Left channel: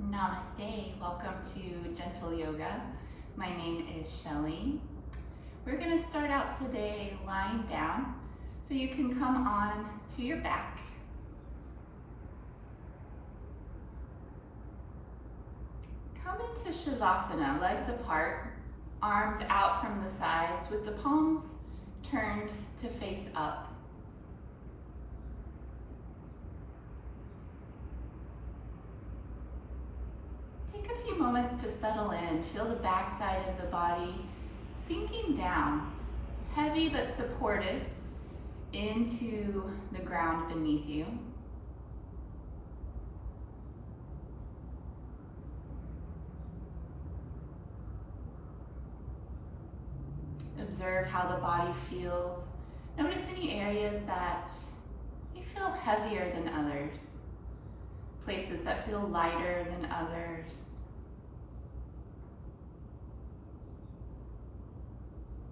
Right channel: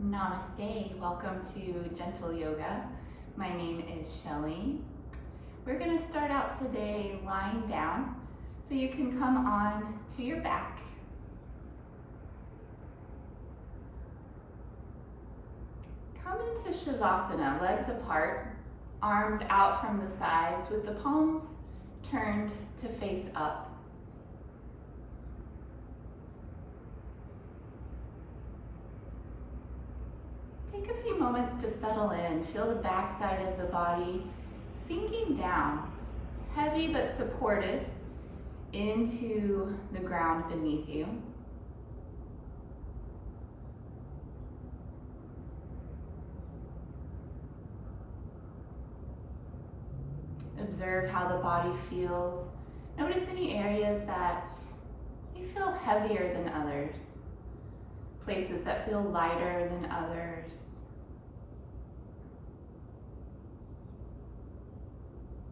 Namaste, welcome to Gentle Yoga. My name is Shelley. We're going to start out today lying down so you can come on to your back. Come into Shavasana, legs apart, arms out from the sides with the palms turned to face up. Take a few moments to settle in. Feel the back side of the body sinking down, heavy but supported into the ground beneath you. Observe how the body feels. Notice any areas that you feel heavier than others, places that feel lighter than others.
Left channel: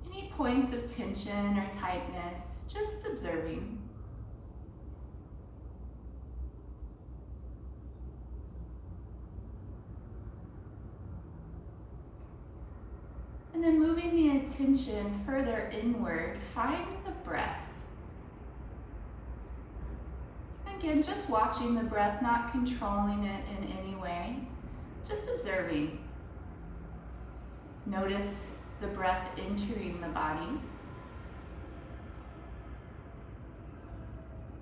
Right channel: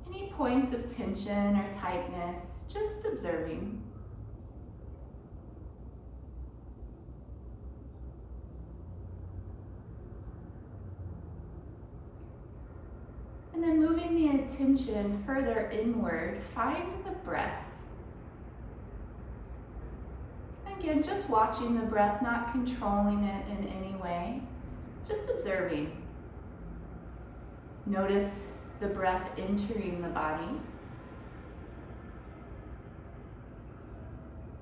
Any points of tension or tightness, just observing. And then moving the attention further inward, find the breath. Again, just watching the breath, not controlling it in any way, just observing. Notice the breath entering the body.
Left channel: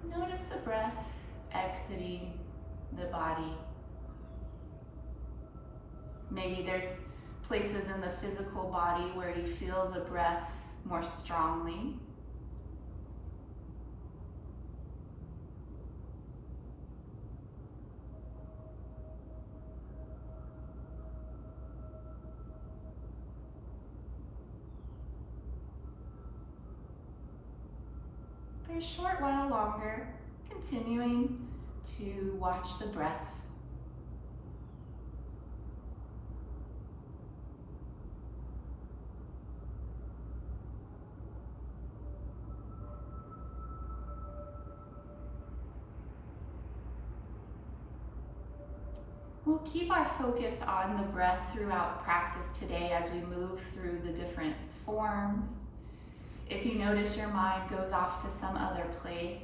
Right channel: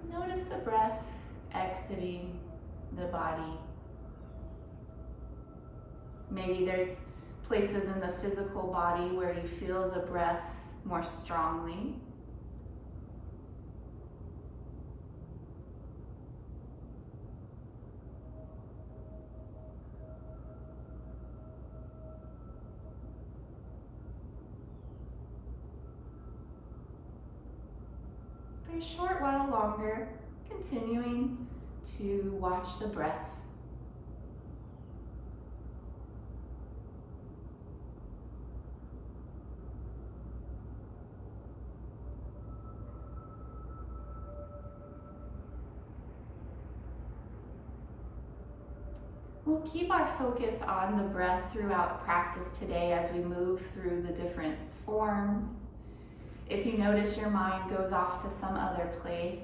Notice the breath exiting the body. Maybe there's places in the physical body where you feel the breath more strongly. For a short while longer, continuing to watch the breath. We'll keep our focus on the breath throughout practice today as we move through the different forms. If you notice your mind goes off to some other place,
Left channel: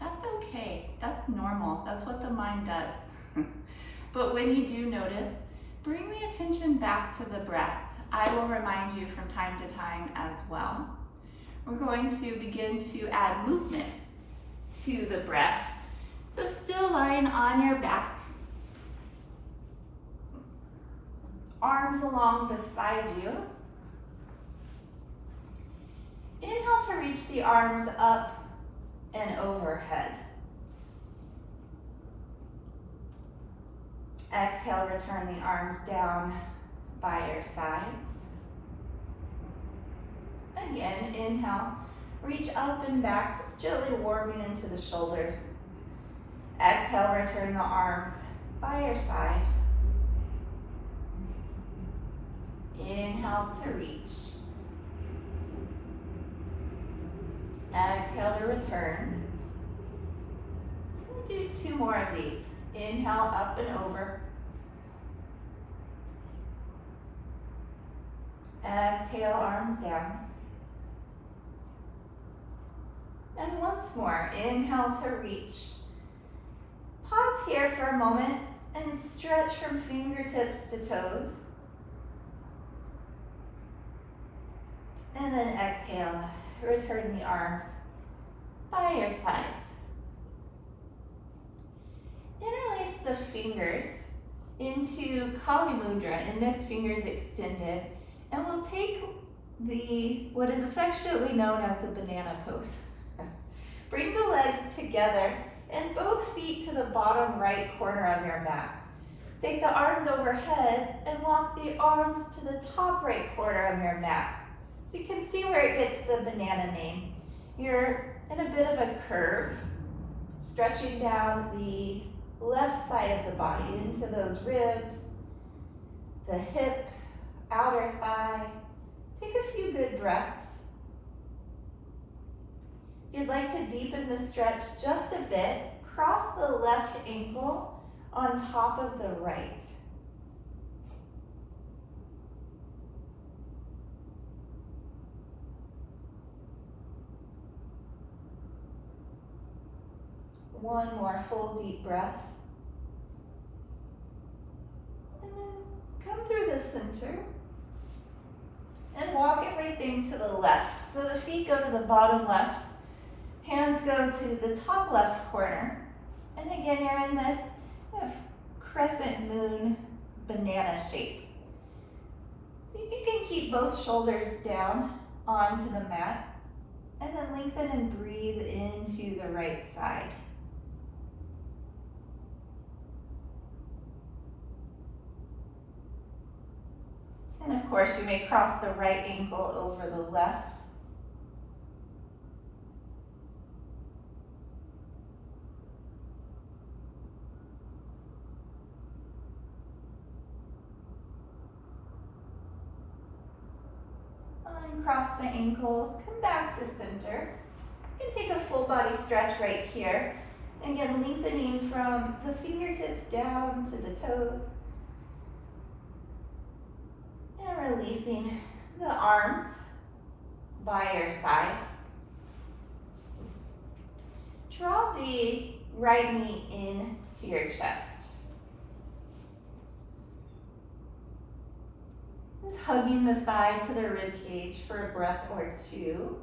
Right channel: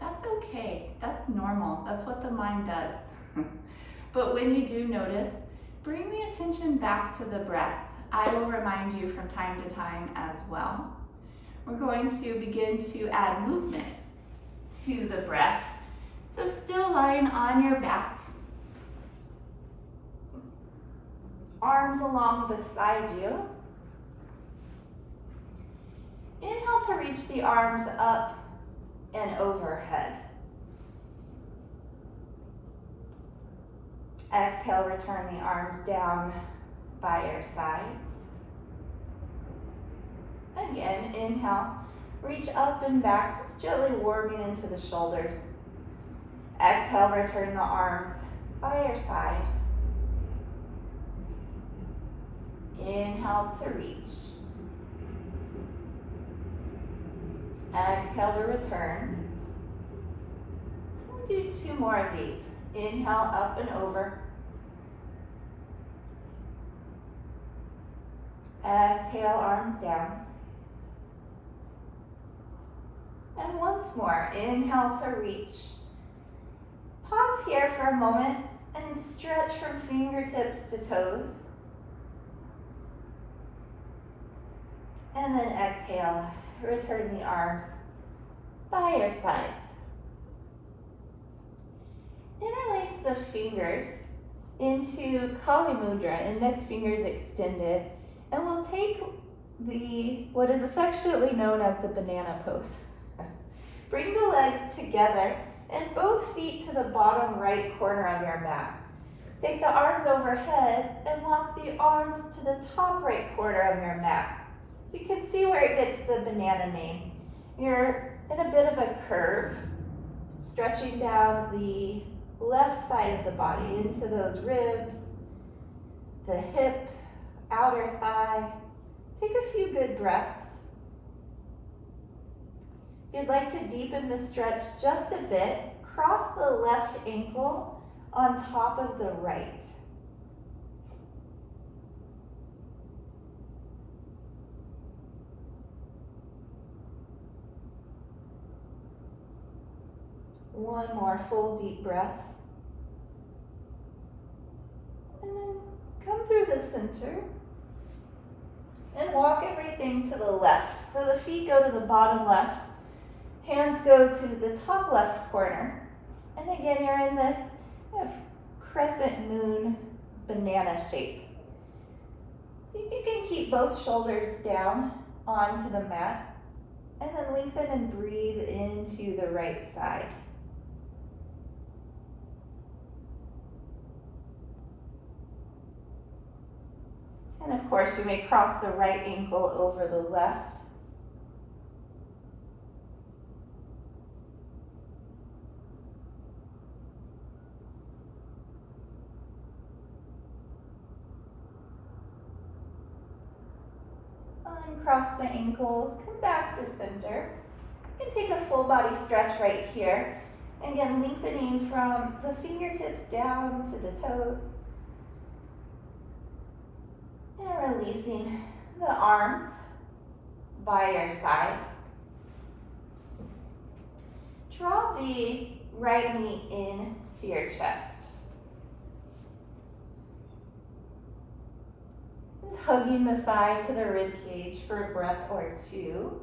that's okay. That's normal. That's what the mind does. But when you do notice, bring the attention back to the breath. I will remind you from time to time as well. We're going to begin to add movement to the breath. So still lying on your back. Arms along beside you. Inhale to reach the arms up and overhead. Exhale, return the arms down by your sides. Again, inhale, reach up and back, just gently warming into the shoulders. Exhale, return the arms by your side. Inhale to reach. Exhale to return. We'll do two more of these. Inhale, up and over. Exhale, arms down. And once more, inhale to reach. Pause here for a moment and stretch from fingertips to toes. And then exhale, return the arms by your sides. Interlace the fingers into Kali Mudra, index fingers extended, and we'll take what is affectionately known as the banana pose. Bring the legs together and both feet to the bottom right corner of your mat. Take the arms overhead and walk the arms to the top right corner of your mat. So you can see where it gets the banana name. You're in a bit of a curve, stretching down the left side of the body into those ribs, the hip, outer thigh. Take a few good breaths. If you'd like to deepen the stretch just a bit, cross the left ankle on top of the right. One more full deep breath. And then come through the center and walk everything to the left. So the feet go to the bottom left, hands go to the top left corner. And again, you're in this kind of crescent moon banana shape. See if you can keep both shoulders down onto the mat, and then lengthen and breathe into the right side. And of course, you may cross the right ankle over the left. Uncross the ankles, come back to center. You can take a full body stretch right here. Again, lengthening from the fingertips down to the toes. And releasing the arms by your side. Draw the right knee into your chest. Just hugging the thigh to the rib cage for a breath or two.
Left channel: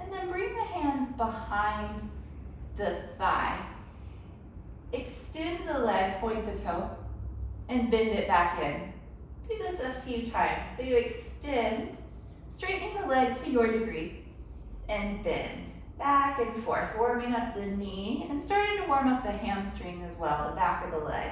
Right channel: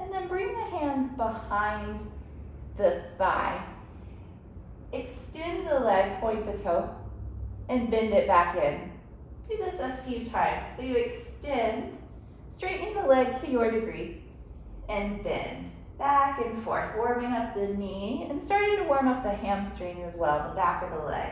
And then bring the hands behind the thigh. Extend the leg, point the toe, and bend it back in. Do this a few times. So you extend, straightening the leg to your degree, and bend back and forth, warming up the knee and starting to warm up the hamstrings as well, the back of the leg.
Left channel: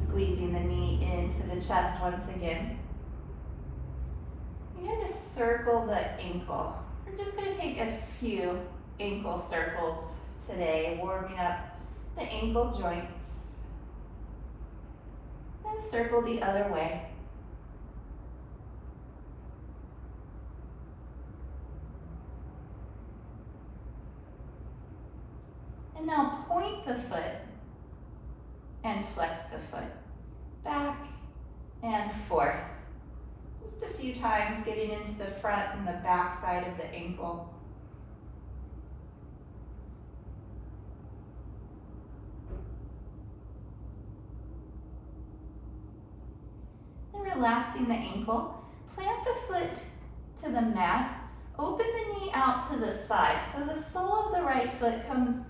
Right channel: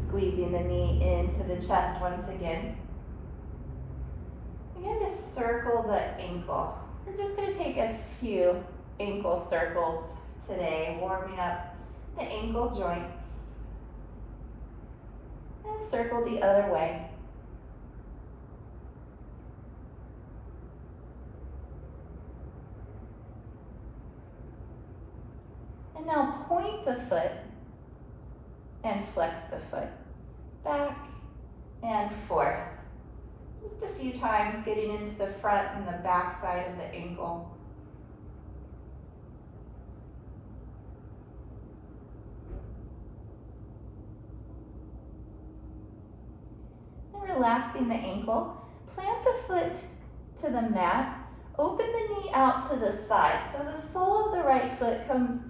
Squeezing the knee into the chest once again. You're going to circle the ankle. We're just going to take a few ankle circles today, warming up the ankle joints. And circle the other way. And now point the foot and flex the foot. Back and forth. Just a few times, getting into the front and the back side of the ankle. And relaxing the ankle, plant the foot to the mat, open the knee out to the side. So the sole of the right foot comes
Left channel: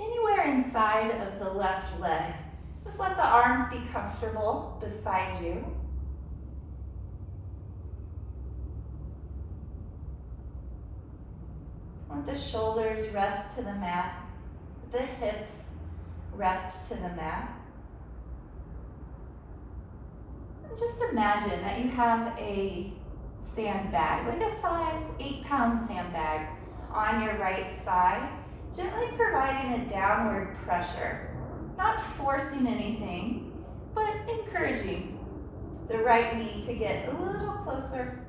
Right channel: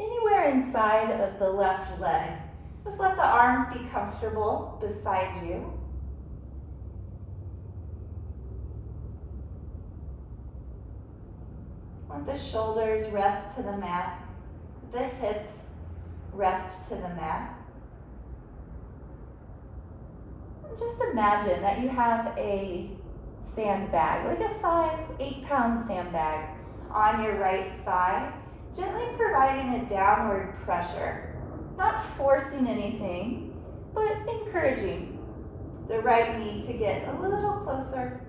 anywhere inside of the left leg. Just let the arms be comfortable beside you. Let the shoulders rest to the mat, the hips rest to the mat. And just imagine that you have a sandbag, like a 8 pound sandbag on your right thigh, gently providing a downward pressure. Not forcing anything, but encouraging the right knee to get a little closer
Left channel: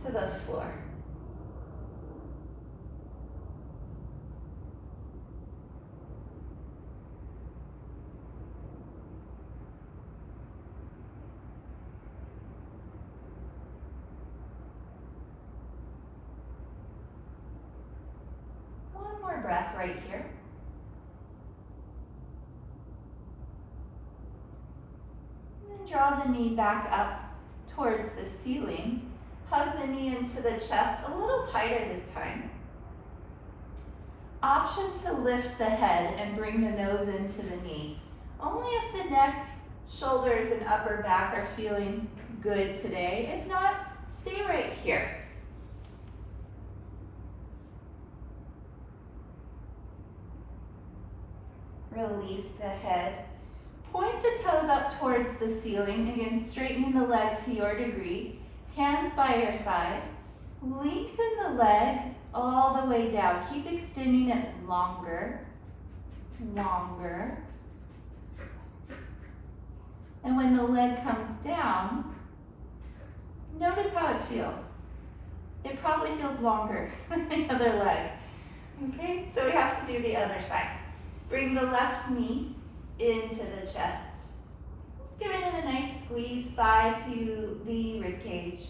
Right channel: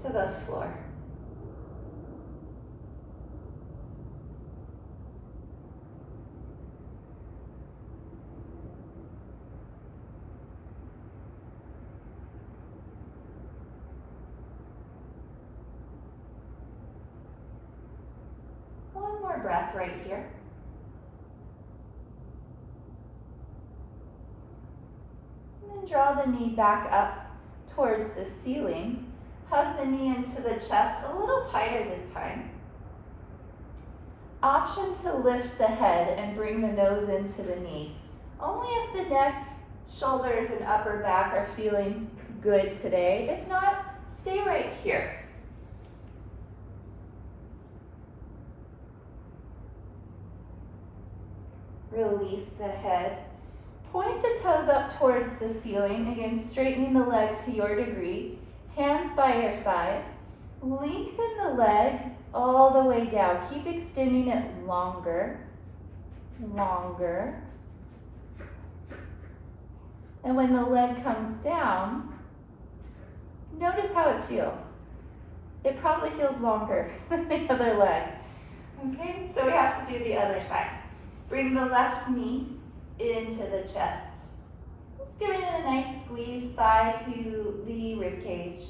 to the floor. One more breath right here. Draw the knee back up towards the ceiling. Hug the knee into the chest a little tighter this time. Option to lift the head and bring the nose into the knee. Only if the neck, shoulders, and upper back are feeling good today. If not, stay right here. Release the head. Point the toes up towards the ceiling, again straightening the leg to your degree, hands by your side. Lengthen the leg all the way down, keep extending it longer. longer. And when the leg comes down, notice how it feels. It probably feels longer than the other leg. Okay, so we have to do the other side. Bring the left knee into the chest. Let's give it a nice squeeze, thigh to the rib cage.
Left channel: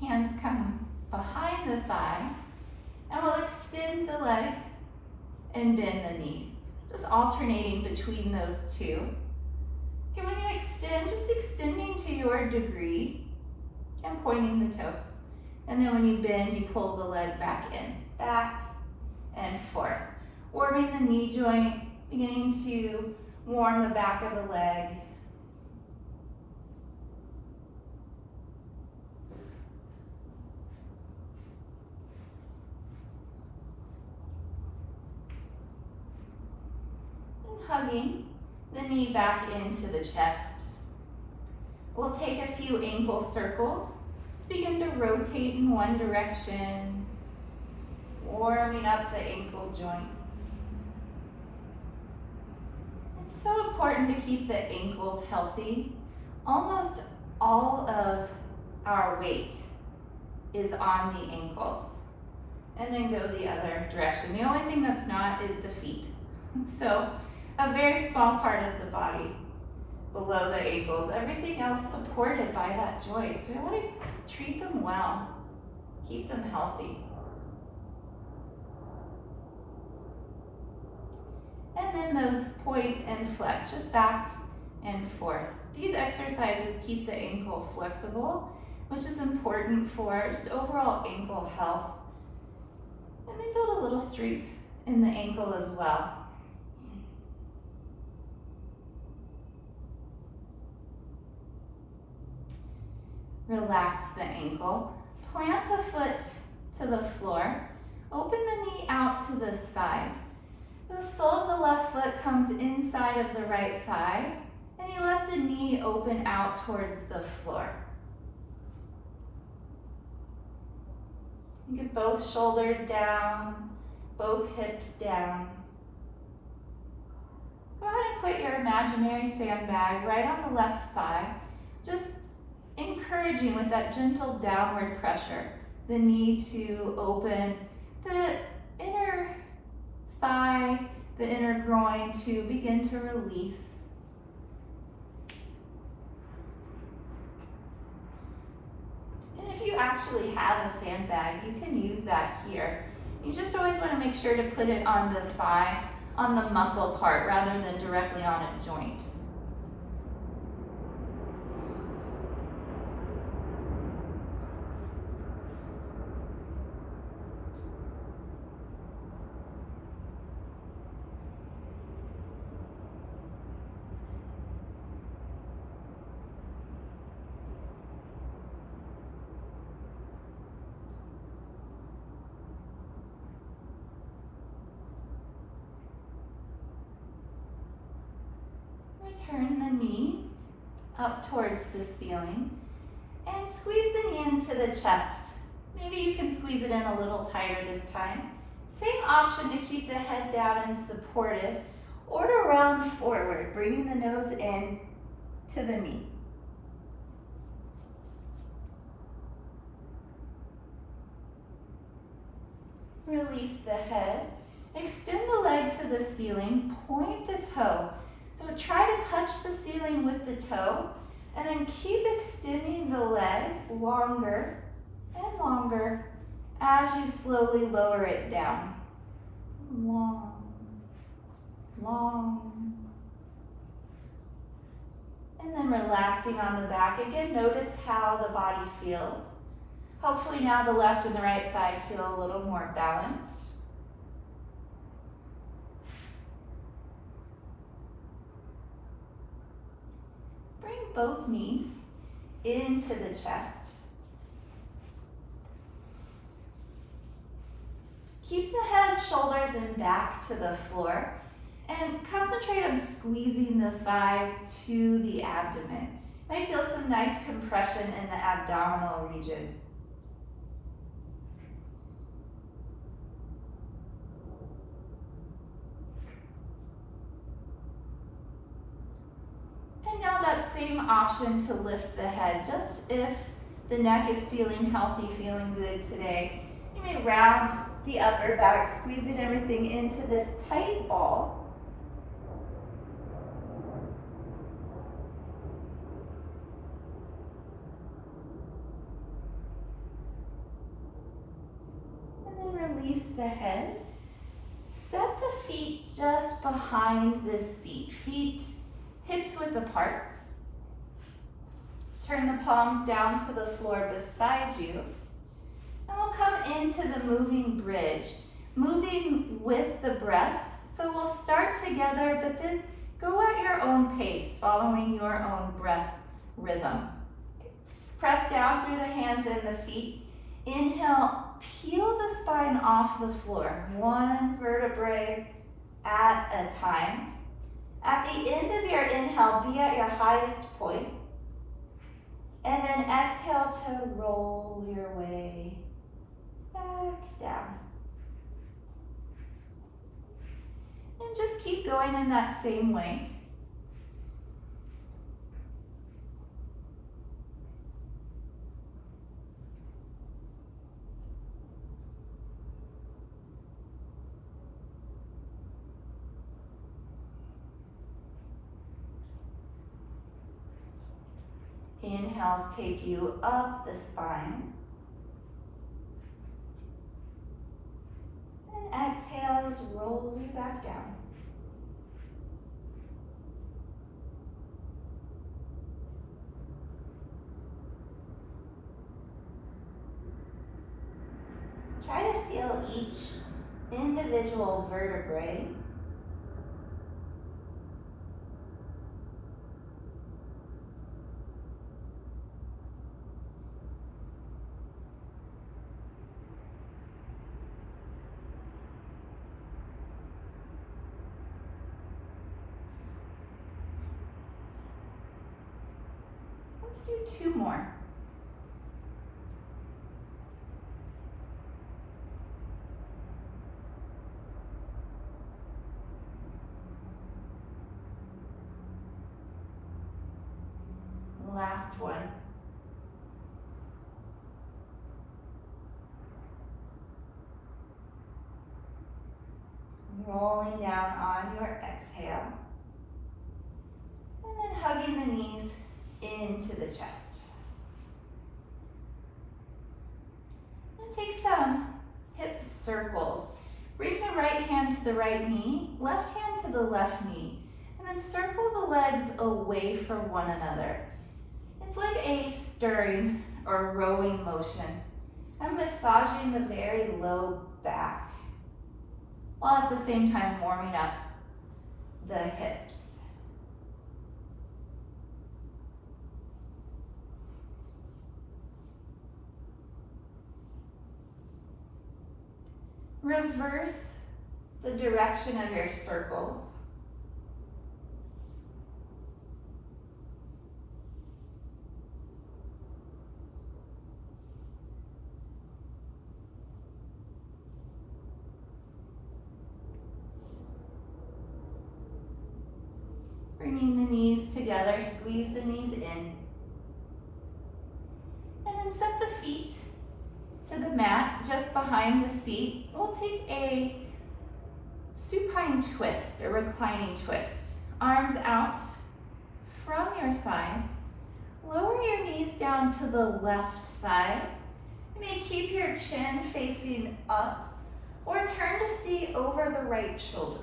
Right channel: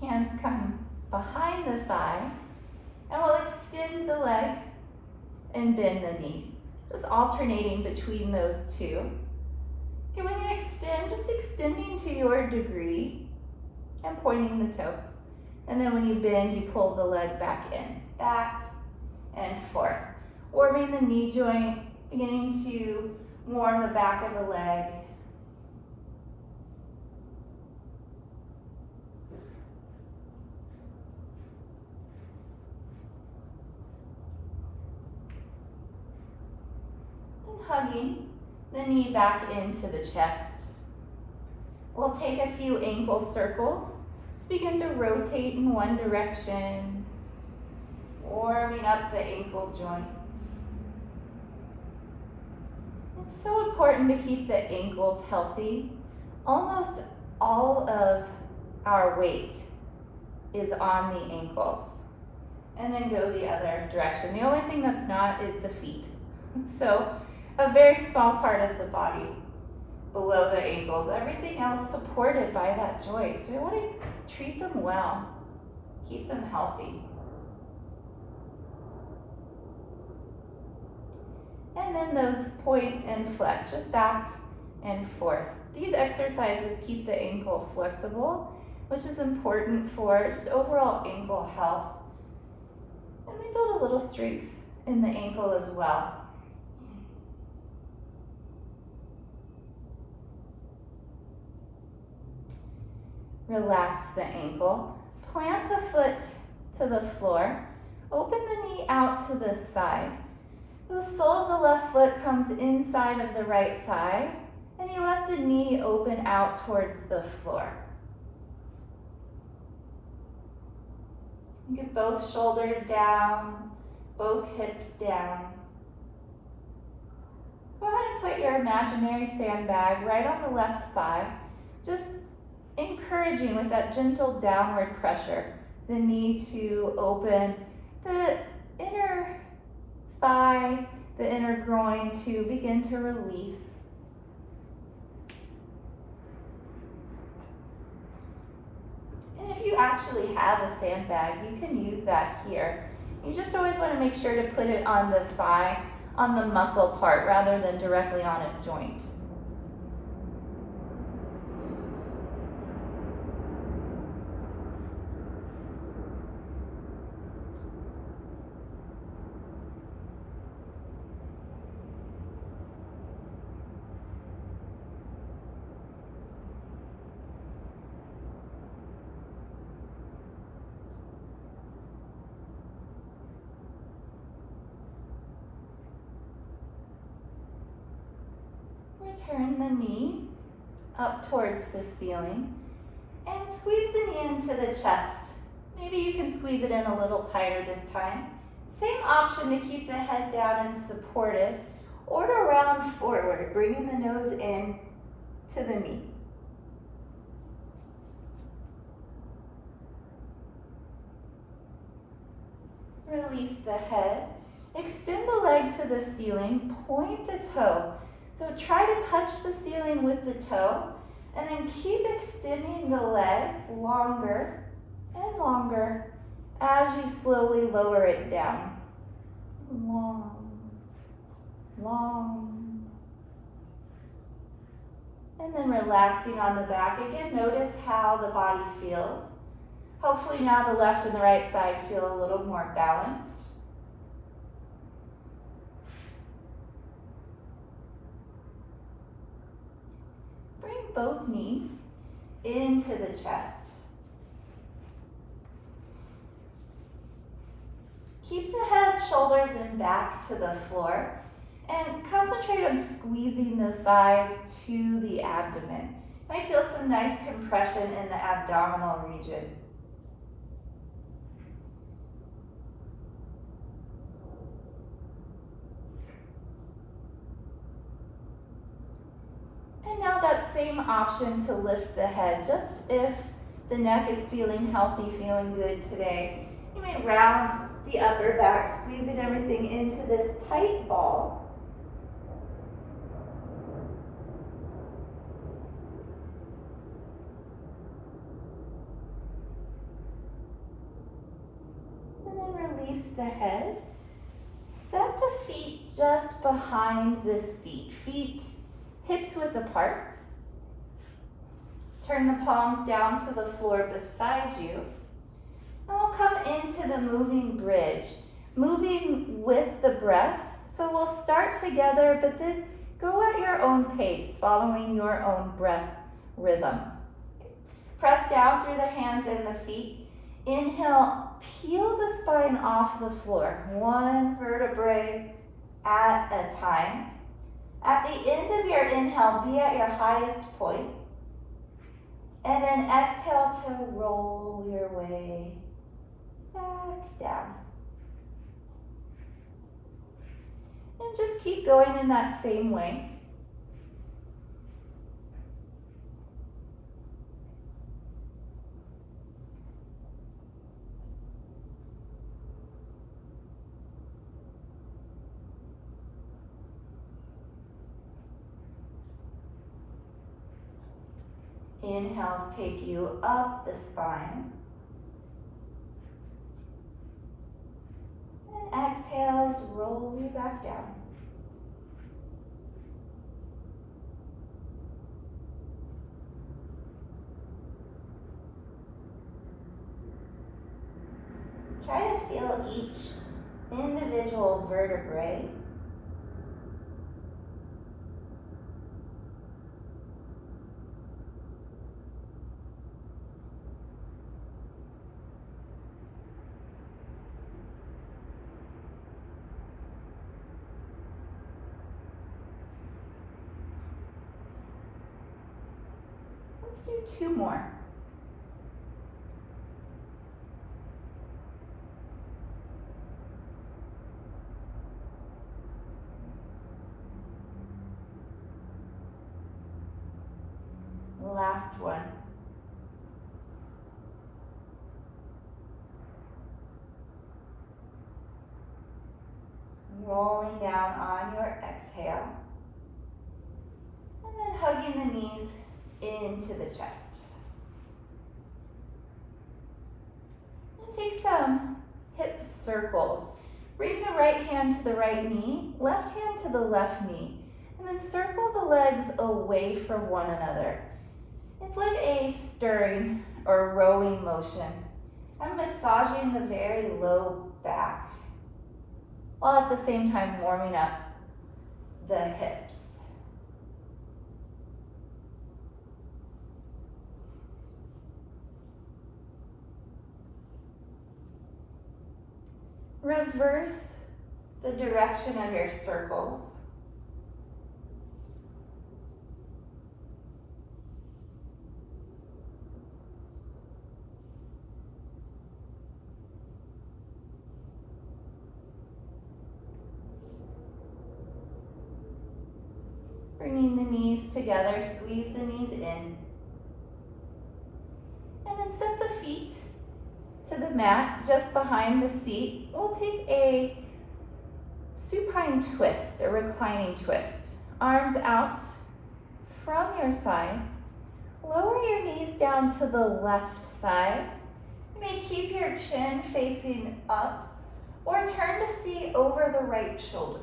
Hands come behind the thigh, and we'll extend the leg and bend the knee. Just alternating between those two. Okay, when you extend, just extending to your degree and pointing the toe. And then when you bend, you pull the leg back in, back and forth. Warming the knee joint, beginning to warm the back of the leg. Hugging the knee back into the chest. We'll take a few ankle circles. Just begin to rotate in one direction, warming up the ankle joints. It's so important to keep the ankles healthy. Almost all of our weight is on the ankles. And then go the other direction. The only thing that's not is the feet. So, a very small part of the body below the ankles. Everything else supported by that joint. So we want to treat them well, keep them healthy. And then those point and flex, just back and forth. These exercises keep the ankle flexible, which is important for just overall ankle health. And they build a little strength in the ankle as well. Relax the ankle. Plant the foot to the floor. Open the knee out to the side. So the sole of the left foot comes inside of the right thigh, and you let the knee open out towards the floor. Get both shoulders down, both hips down. Go ahead and put your imaginary sandbag right on the left thigh. Just encouraging with that gentle downward pressure, the knee to open, the inner thigh, the inner groin to begin to release. And if you actually have a sandbag, you can use that here. You just always want to make sure to put it on the thigh, on the muscle part, rather than directly on a joint. Turn the knee up towards the ceiling and squeeze the knee into the chest. Maybe you can squeeze it in a little tighter this time. Same option to keep the head down and supported, or to round forward, bringing the nose in to the knee. Release the head. Extend the leg to the ceiling, point the toe. So try to touch the ceiling with the toe, and then keep extending the leg longer and longer as you slowly lower it down. Long, long. And then relaxing on the back. Again, notice how the body feels. Hopefully now the left and the right side feel a little more balanced. Bring both knees into the chest. Keep the head, shoulders, and back to the floor. And concentrate on squeezing the thighs to the abdomen. You might feel some nice compression in the abdominal region. And now that same option to lift the head, just if the neck is feeling healthy, feeling good today. You may round the upper back, squeezing everything into this tight ball. And then release the head. Set the feet just behind the seat. Feet hips width apart. Turn the palms down to the floor beside you. And we'll come into the moving bridge, moving with the breath. So we'll start together, but then go at your own pace, following your own breath rhythm. Press down through the hands and the feet. Inhale, peel the spine off the floor, one vertebrae at a time. At the end of your inhale, be at your highest point. And then exhale to roll your way back down. And just keep going in that same way. Inhales take you up the spine. And exhales roll you back down. Try to feel each individual vertebrae. Let's do two more. Last one. Rolling down on your exhale. And then hugging the knees into the chest. And take some hip circles. Bring the right hand to the right knee, left hand to the left knee, and then circle the legs away from one another. It's like a stirring or rowing motion. I'm massaging the very low back, while at the same time warming up the hips. Reverse the direction of your circles. Bringing the knees together, squeeze the knees in. And then set the feet to the mat just behind the seat. We'll take a supine twist, a reclining twist. Arms out from your sides. Lower your knees down to the left side. You may keep your chin facing up or turn to see over the right shoulder.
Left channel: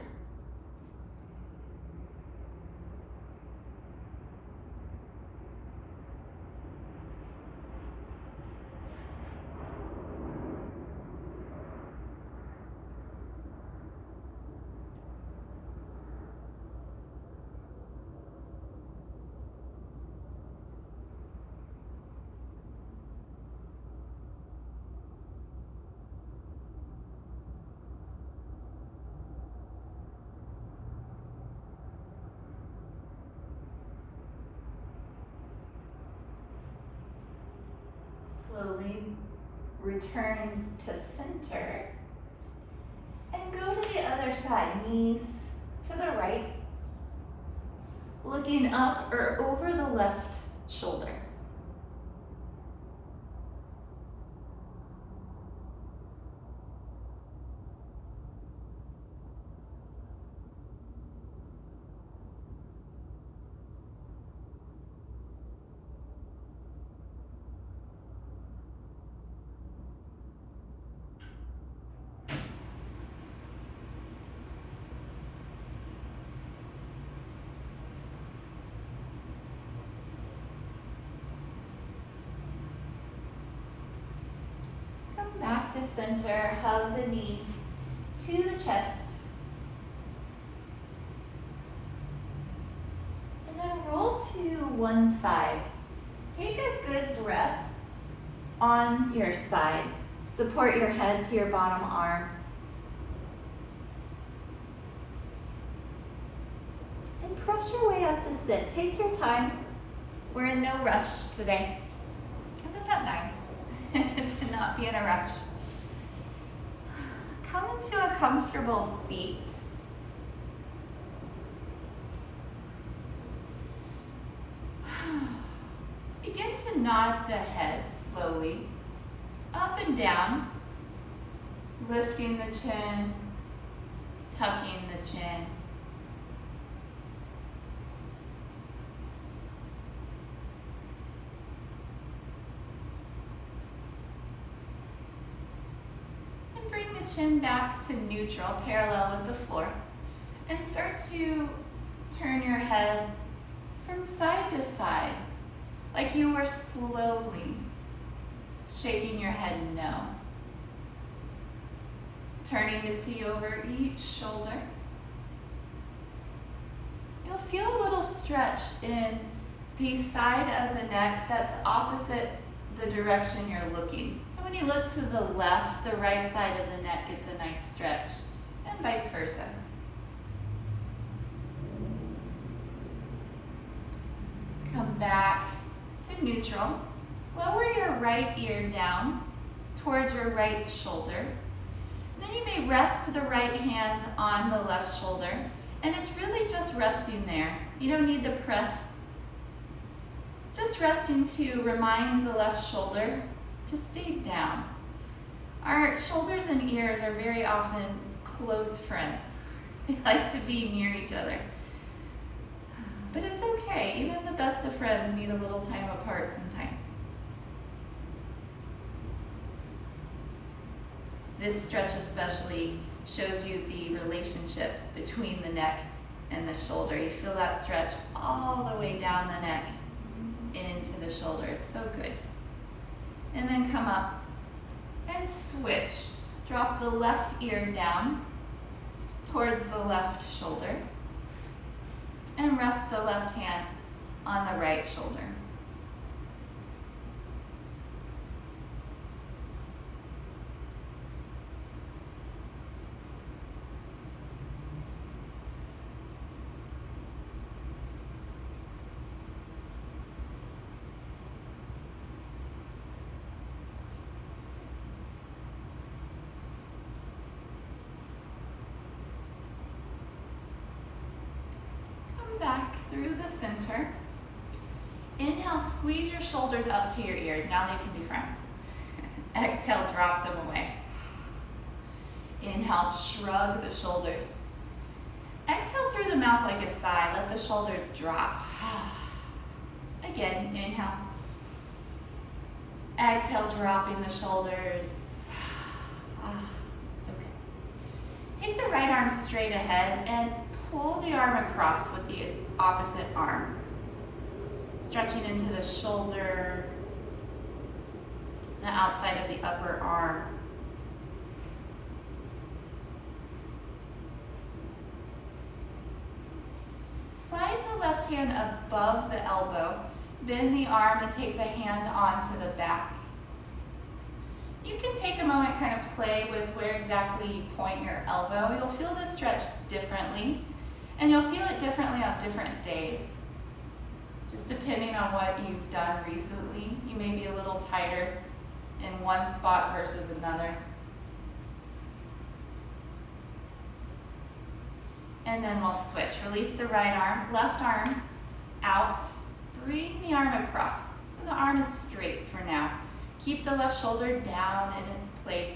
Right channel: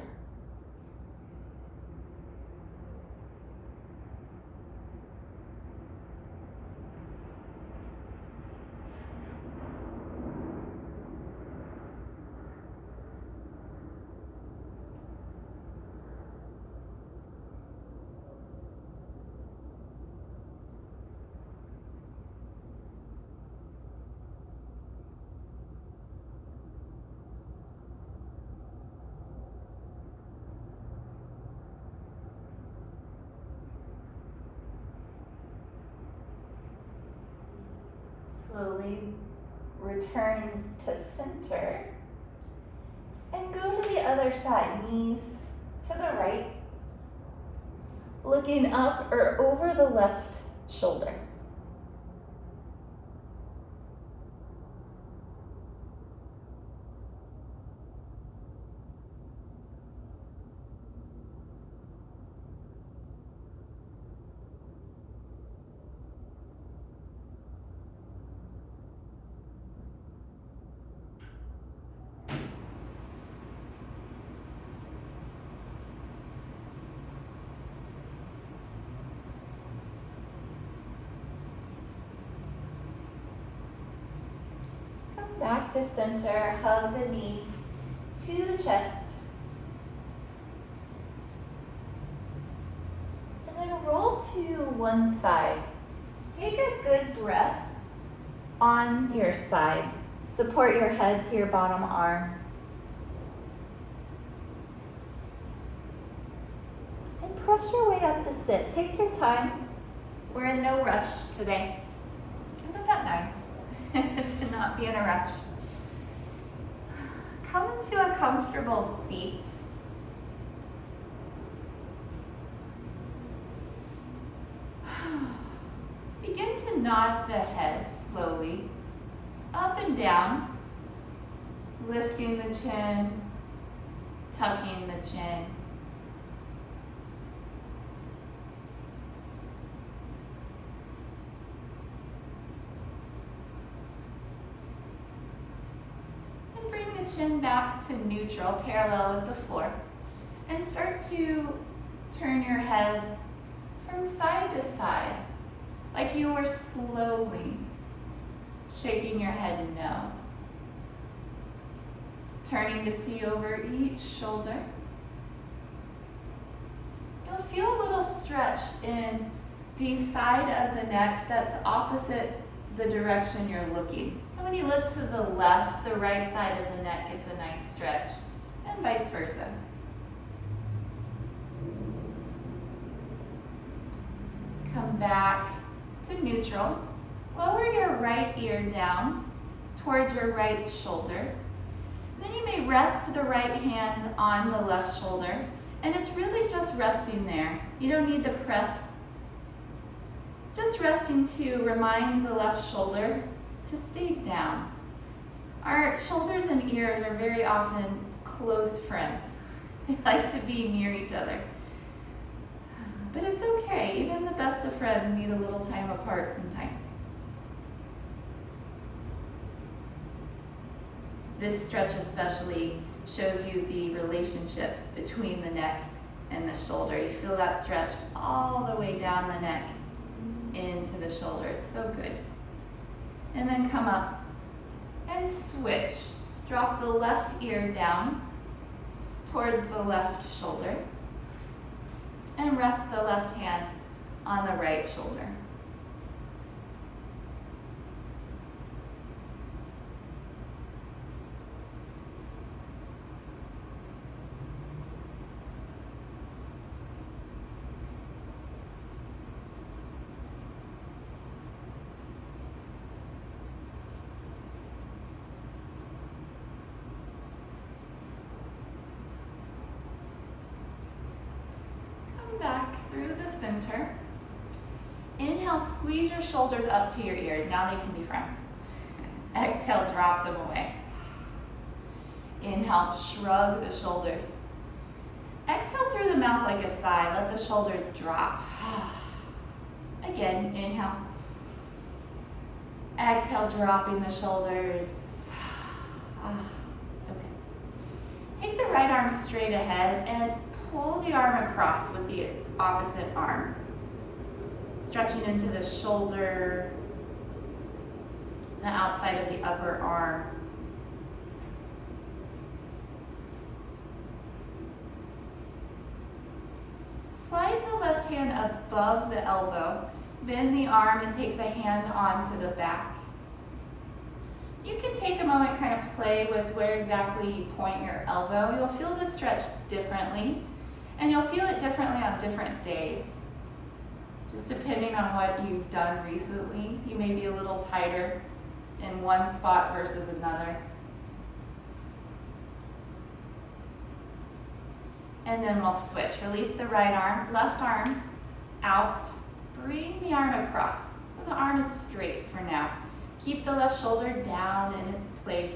slowly return to center and go to the other side, knees to the right, looking up or over the left shoulder. Back to center, hug the knees to the chest. And then roll to one side. Take a good breath on your side. Support your head to your bottom arm. And press your way up to sit. Take your time. We're in no rush today. Isn't that nice? To not be in a rush. Come into a comfortable seat. Begin to nod the head slowly, up and down, lifting the chin, tucking the chin. Chin back to neutral, parallel with the floor, and start to turn your head from side to side, like you were slowly shaking your head no. Turning to see over each shoulder. You'll feel a little stretch in the side of the neck that's opposite the direction you're looking. So when you look to the left, the right side of the neck gets a nice stretch, and vice versa. Come back to neutral. Lower your right ear down towards your right shoulder. Then you may rest the right hand on the left shoulder, and it's really just resting there. You don't need to press. Just resting to remind the left shoulder to stay down. Our shoulders and ears are very often close friends. They like to be near each other. But it's okay, even the best of friends need a little time apart sometimes. This stretch especially shows you the relationship between the neck and the shoulder. You feel that stretch all the way down the neck into the shoulder. It's so good. And then come up and switch. Drop the left ear down towards the left shoulder and rest the left hand on the right shoulder. Back through the center. Inhale, squeeze your shoulders up to your ears. Now they can be friends. Exhale, drop them away. Inhale, shrug the shoulders. Exhale through the mouth like a sigh. Let the shoulders drop. Again, inhale. Exhale, dropping the shoulders. So good. Take the right arm straight ahead and pull the arm across with the opposite arm. Stretching into the shoulder, the outside of the upper arm. Slide the left hand above the elbow, bend the arm and take the hand onto the back. You can take a moment, kind of play with where exactly you point your elbow. You'll feel the stretch differently, and you'll feel it differently on different days. Just depending on what you've done recently, you may be a little tighter in one spot versus another. And then we'll switch. Release the right arm, left arm out. Bring the arm across. So the arm is straight for now. Keep the left shoulder down in its place.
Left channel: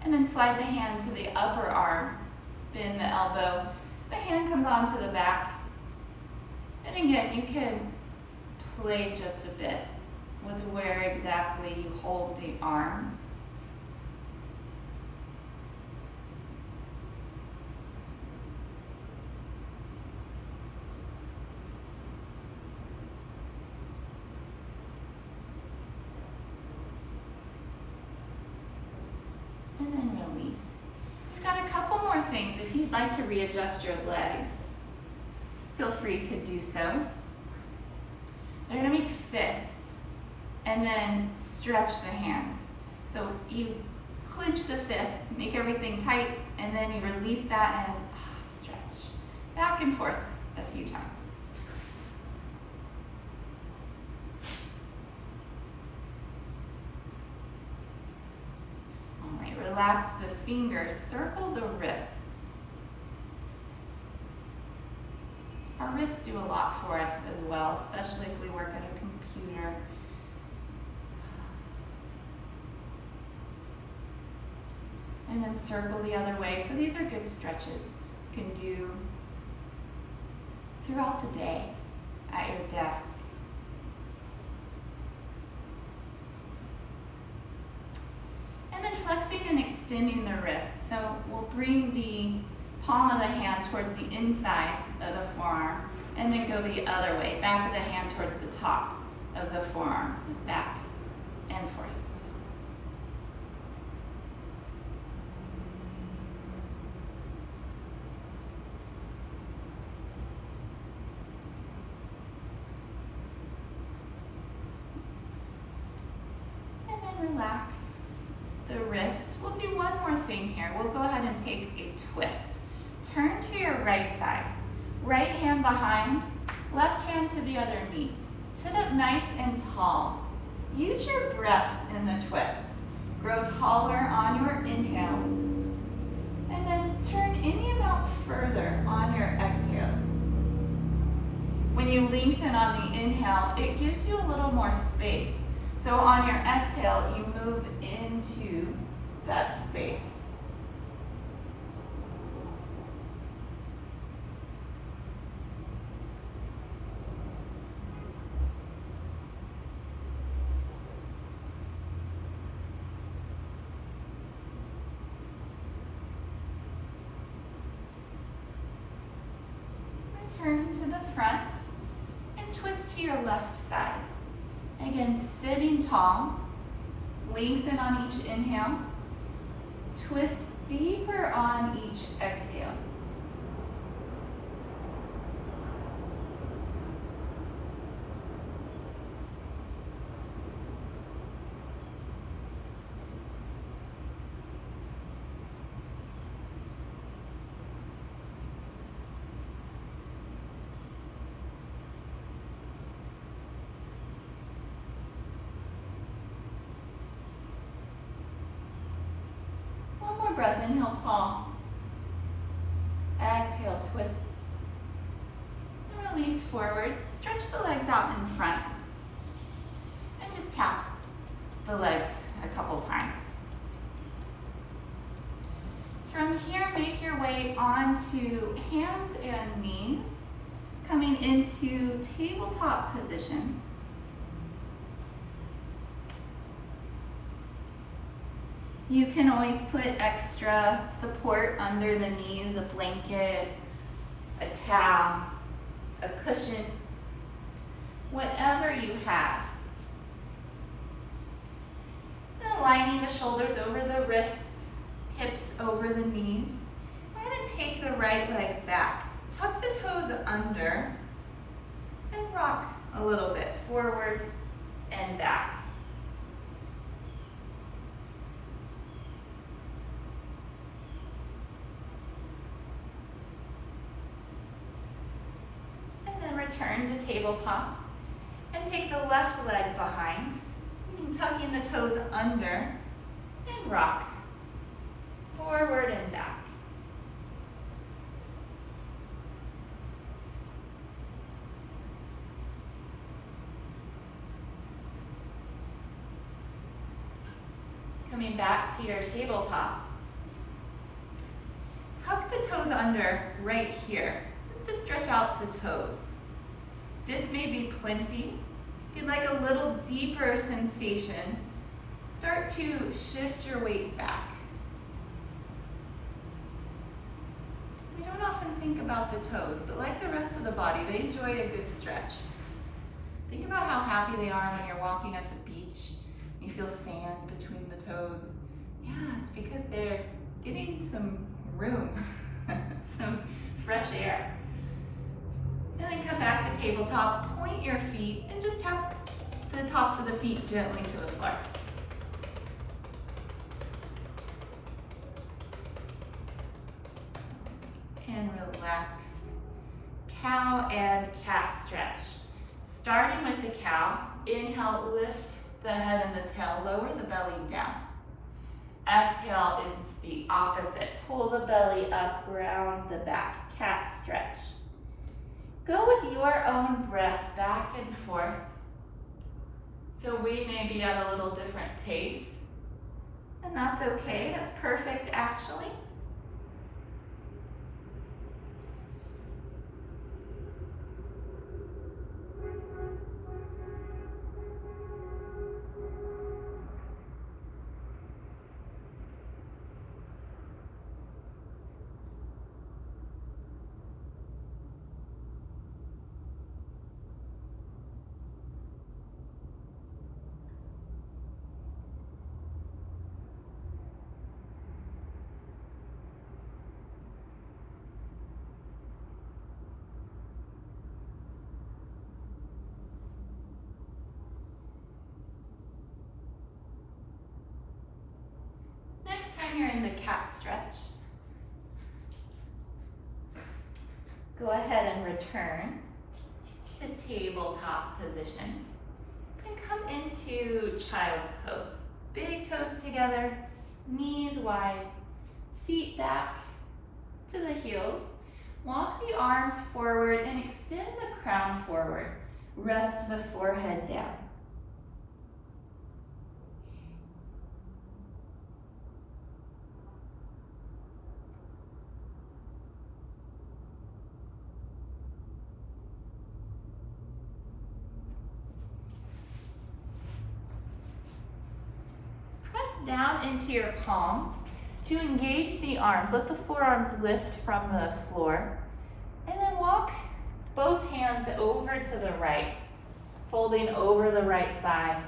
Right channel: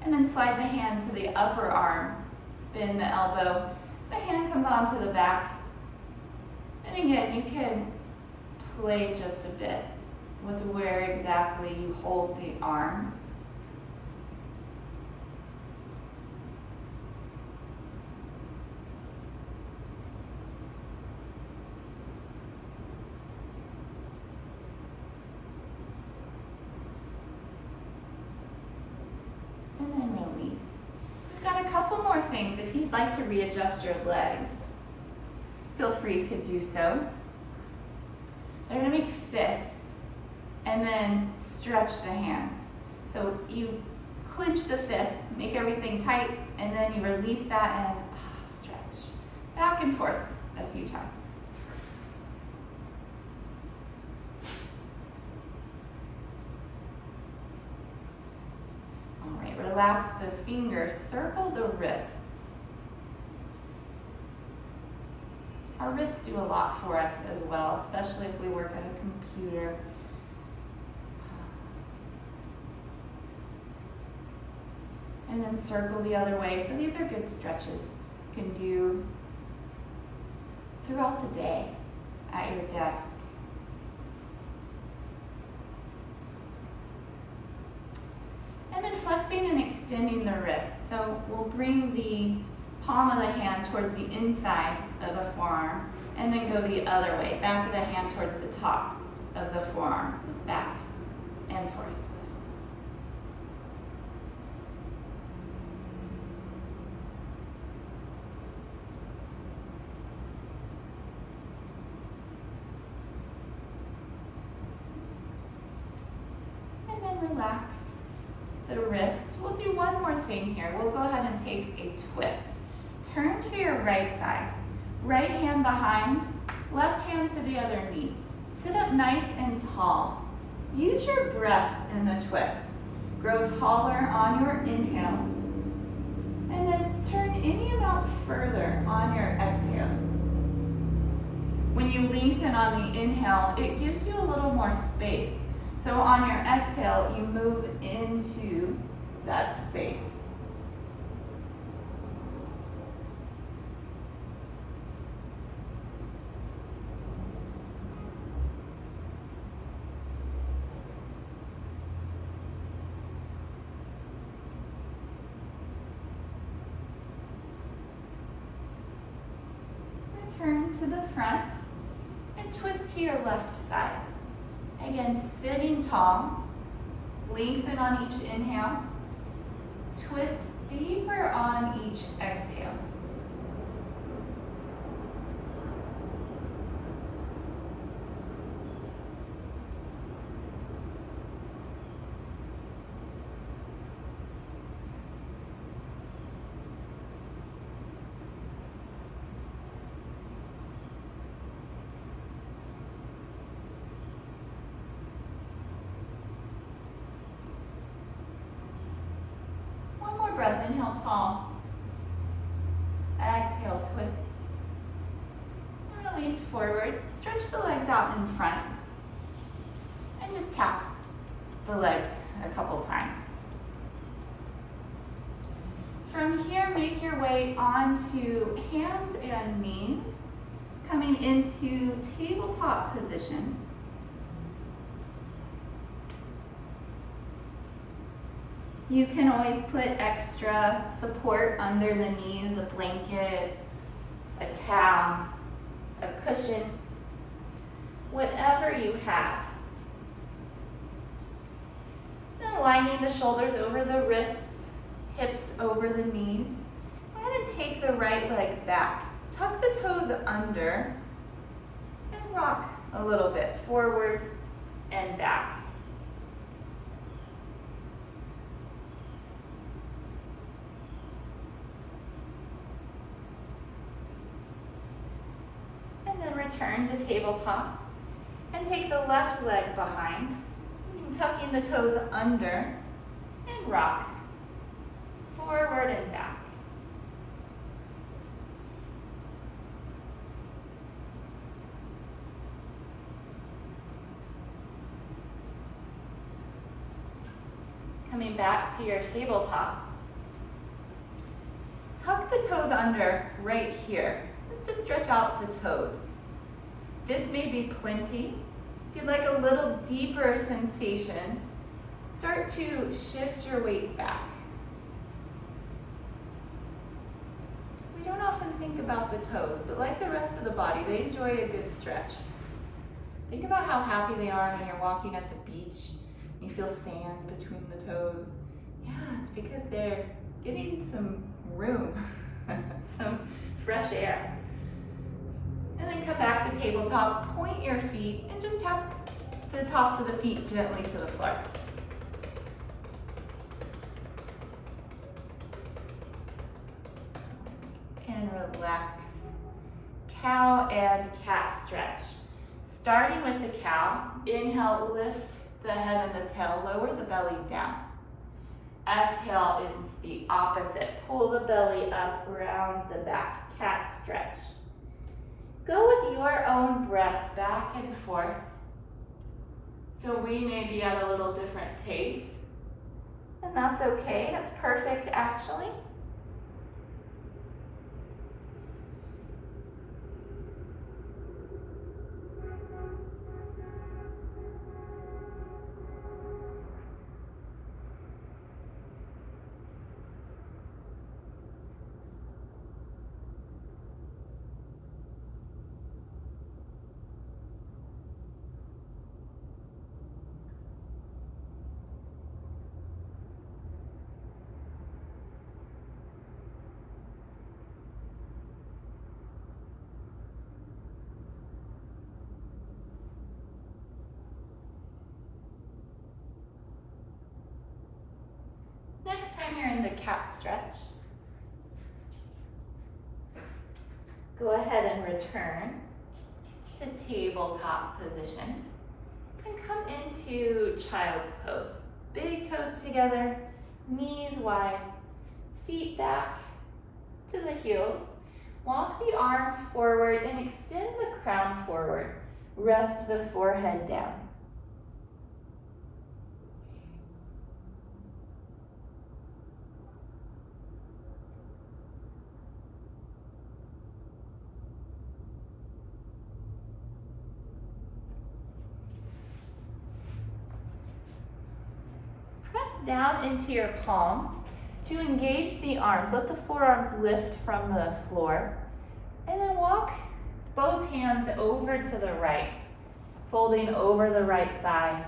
And then slide the hand to the upper arm. Bend the elbow. The hand comes onto the back. And again, you can play just a bit with where exactly you hold the arm. And then release. We've got a couple more things. If you'd like to readjust your legs, feel free to do so. They're gonna make fists and then stretch the hands. So you clench the fist, make everything tight, and then you release that and stretch. Back and forth a few times. All right, relax the fingers, circle the wrists. Our wrists do a lot for us as well, especially if we work at a computer. And then circle the other way. So these are good stretches you can do throughout the day at your desk. And then flexing and extending the wrist. So we'll bring the palm of the hand towards the inside of the forearm and then go the other way, back of the hand towards the top of the forearm, just back and forth. And then relax the wrists. We'll do one more thing here. We'll go ahead and take a twist. Turn to your right side. Right hand behind, left hand to the other knee. Sit up nice and tall. Use your breath in the twist. Grow taller on your inhales. And then turn any amount further on your exhales. When you lengthen on the inhale, it gives you a little more space. So on your exhale, you move into that space. Turn to the front and twist to your left side. Again, sitting tall, lengthen on each inhale, twist deeper on each exhale. Breath, inhale tall. Exhale, twist. And release forward. Stretch the legs out in front. And just tap the legs a couple times. From here, make your way onto hands and knees, coming into tabletop position. You can always put extra support under the knees, a blanket, a towel, a cushion, whatever you have. Then aligning the shoulders over the wrists, hips over the knees. I'm going to take the right leg back, tuck the toes under, and rock a little bit forward and back. And then return to tabletop and take the left leg behind, tucking the toes under and rock forward and back. Coming back to your tabletop, tuck the toes under right here, just to stretch out the toes. This may be plenty. If you'd like a little deeper sensation, start to shift your weight back. We don't often think about the toes, but like the rest of the body, they enjoy a good stretch. Think about how happy they are when you're walking at the beach. You feel sand between the toes. Yeah, it's because they're getting some room, some fresh air. And then come back to tabletop, point your feet, and just tap the tops of the feet gently to the floor. And relax. Cow and cat stretch. Starting with the cow, inhale, lift the head and the tail, lower the belly down. Exhale is the opposite. Pull the belly up, round the back, cat stretch. Go with your own breath back and forth. So we may be at a little different pace, and that's okay, that's perfect actually. Next time you're in the cat stretch, go ahead and return to tabletop position and come into child's pose. Big toes together, knees wide, seat back to the heels. Walk the arms forward and extend the crown forward. Rest the forehead down. Down into your palms to engage the arms. Let the forearms lift from the floor. And then walk both hands over to the right, folding over the right thigh.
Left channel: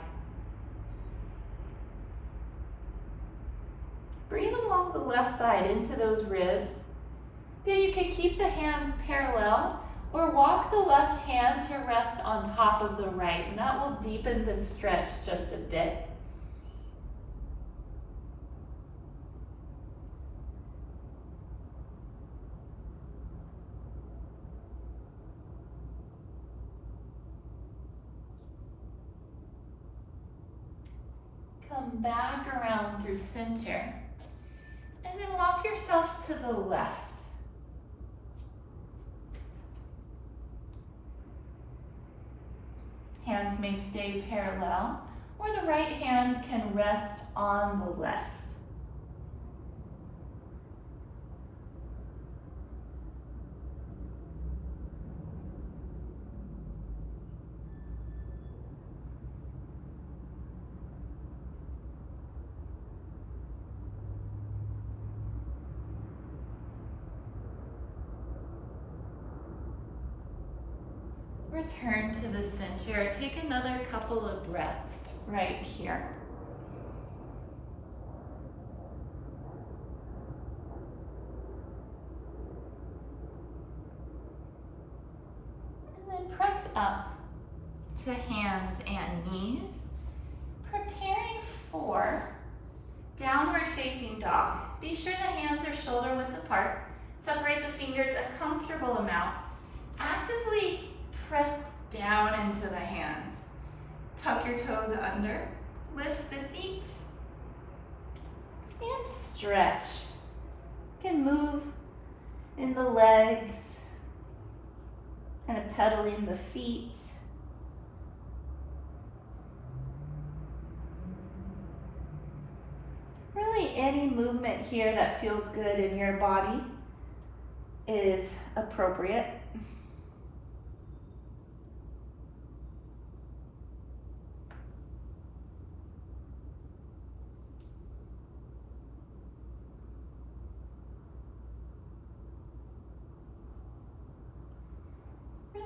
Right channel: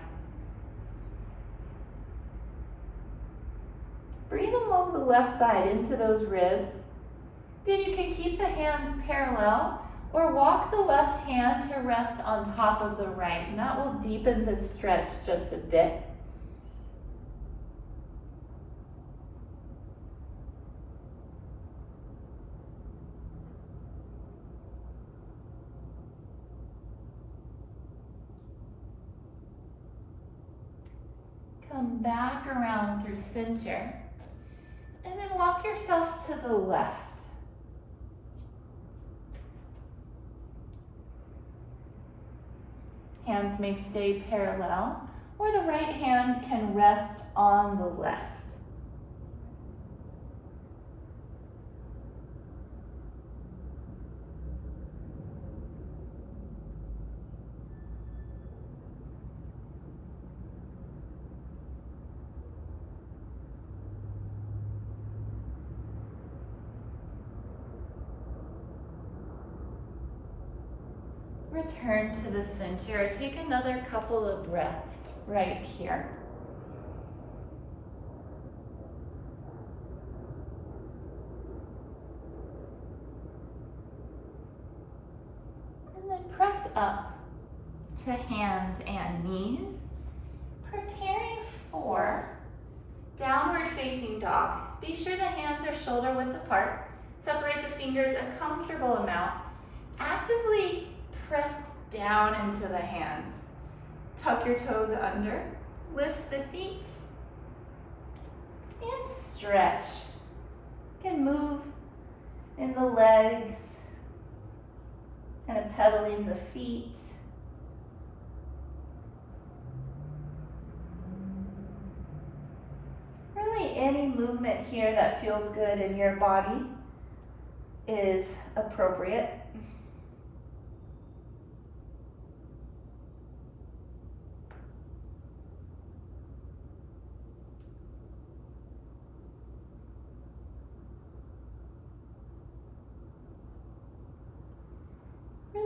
Breathe along the left side into those ribs. Then you can keep the hands parallel or walk the left hand to rest on top of the right, and that will deepen the stretch just a bit. Come back around through center, and then walk yourself to the left. Hands may stay parallel, or the right hand can rest on the left. Return to the center. Take another couple of breaths right here. And then press up to hands and knees, preparing for downward facing dog. Be sure the hands are shoulder width apart. Separate the fingers a comfortable amount. Actively press down into the hands. Tuck your toes under. Lift the seat. And stretch. You can move in the legs, kind of pedaling the feet. Really, any movement here that feels good in your body is appropriate.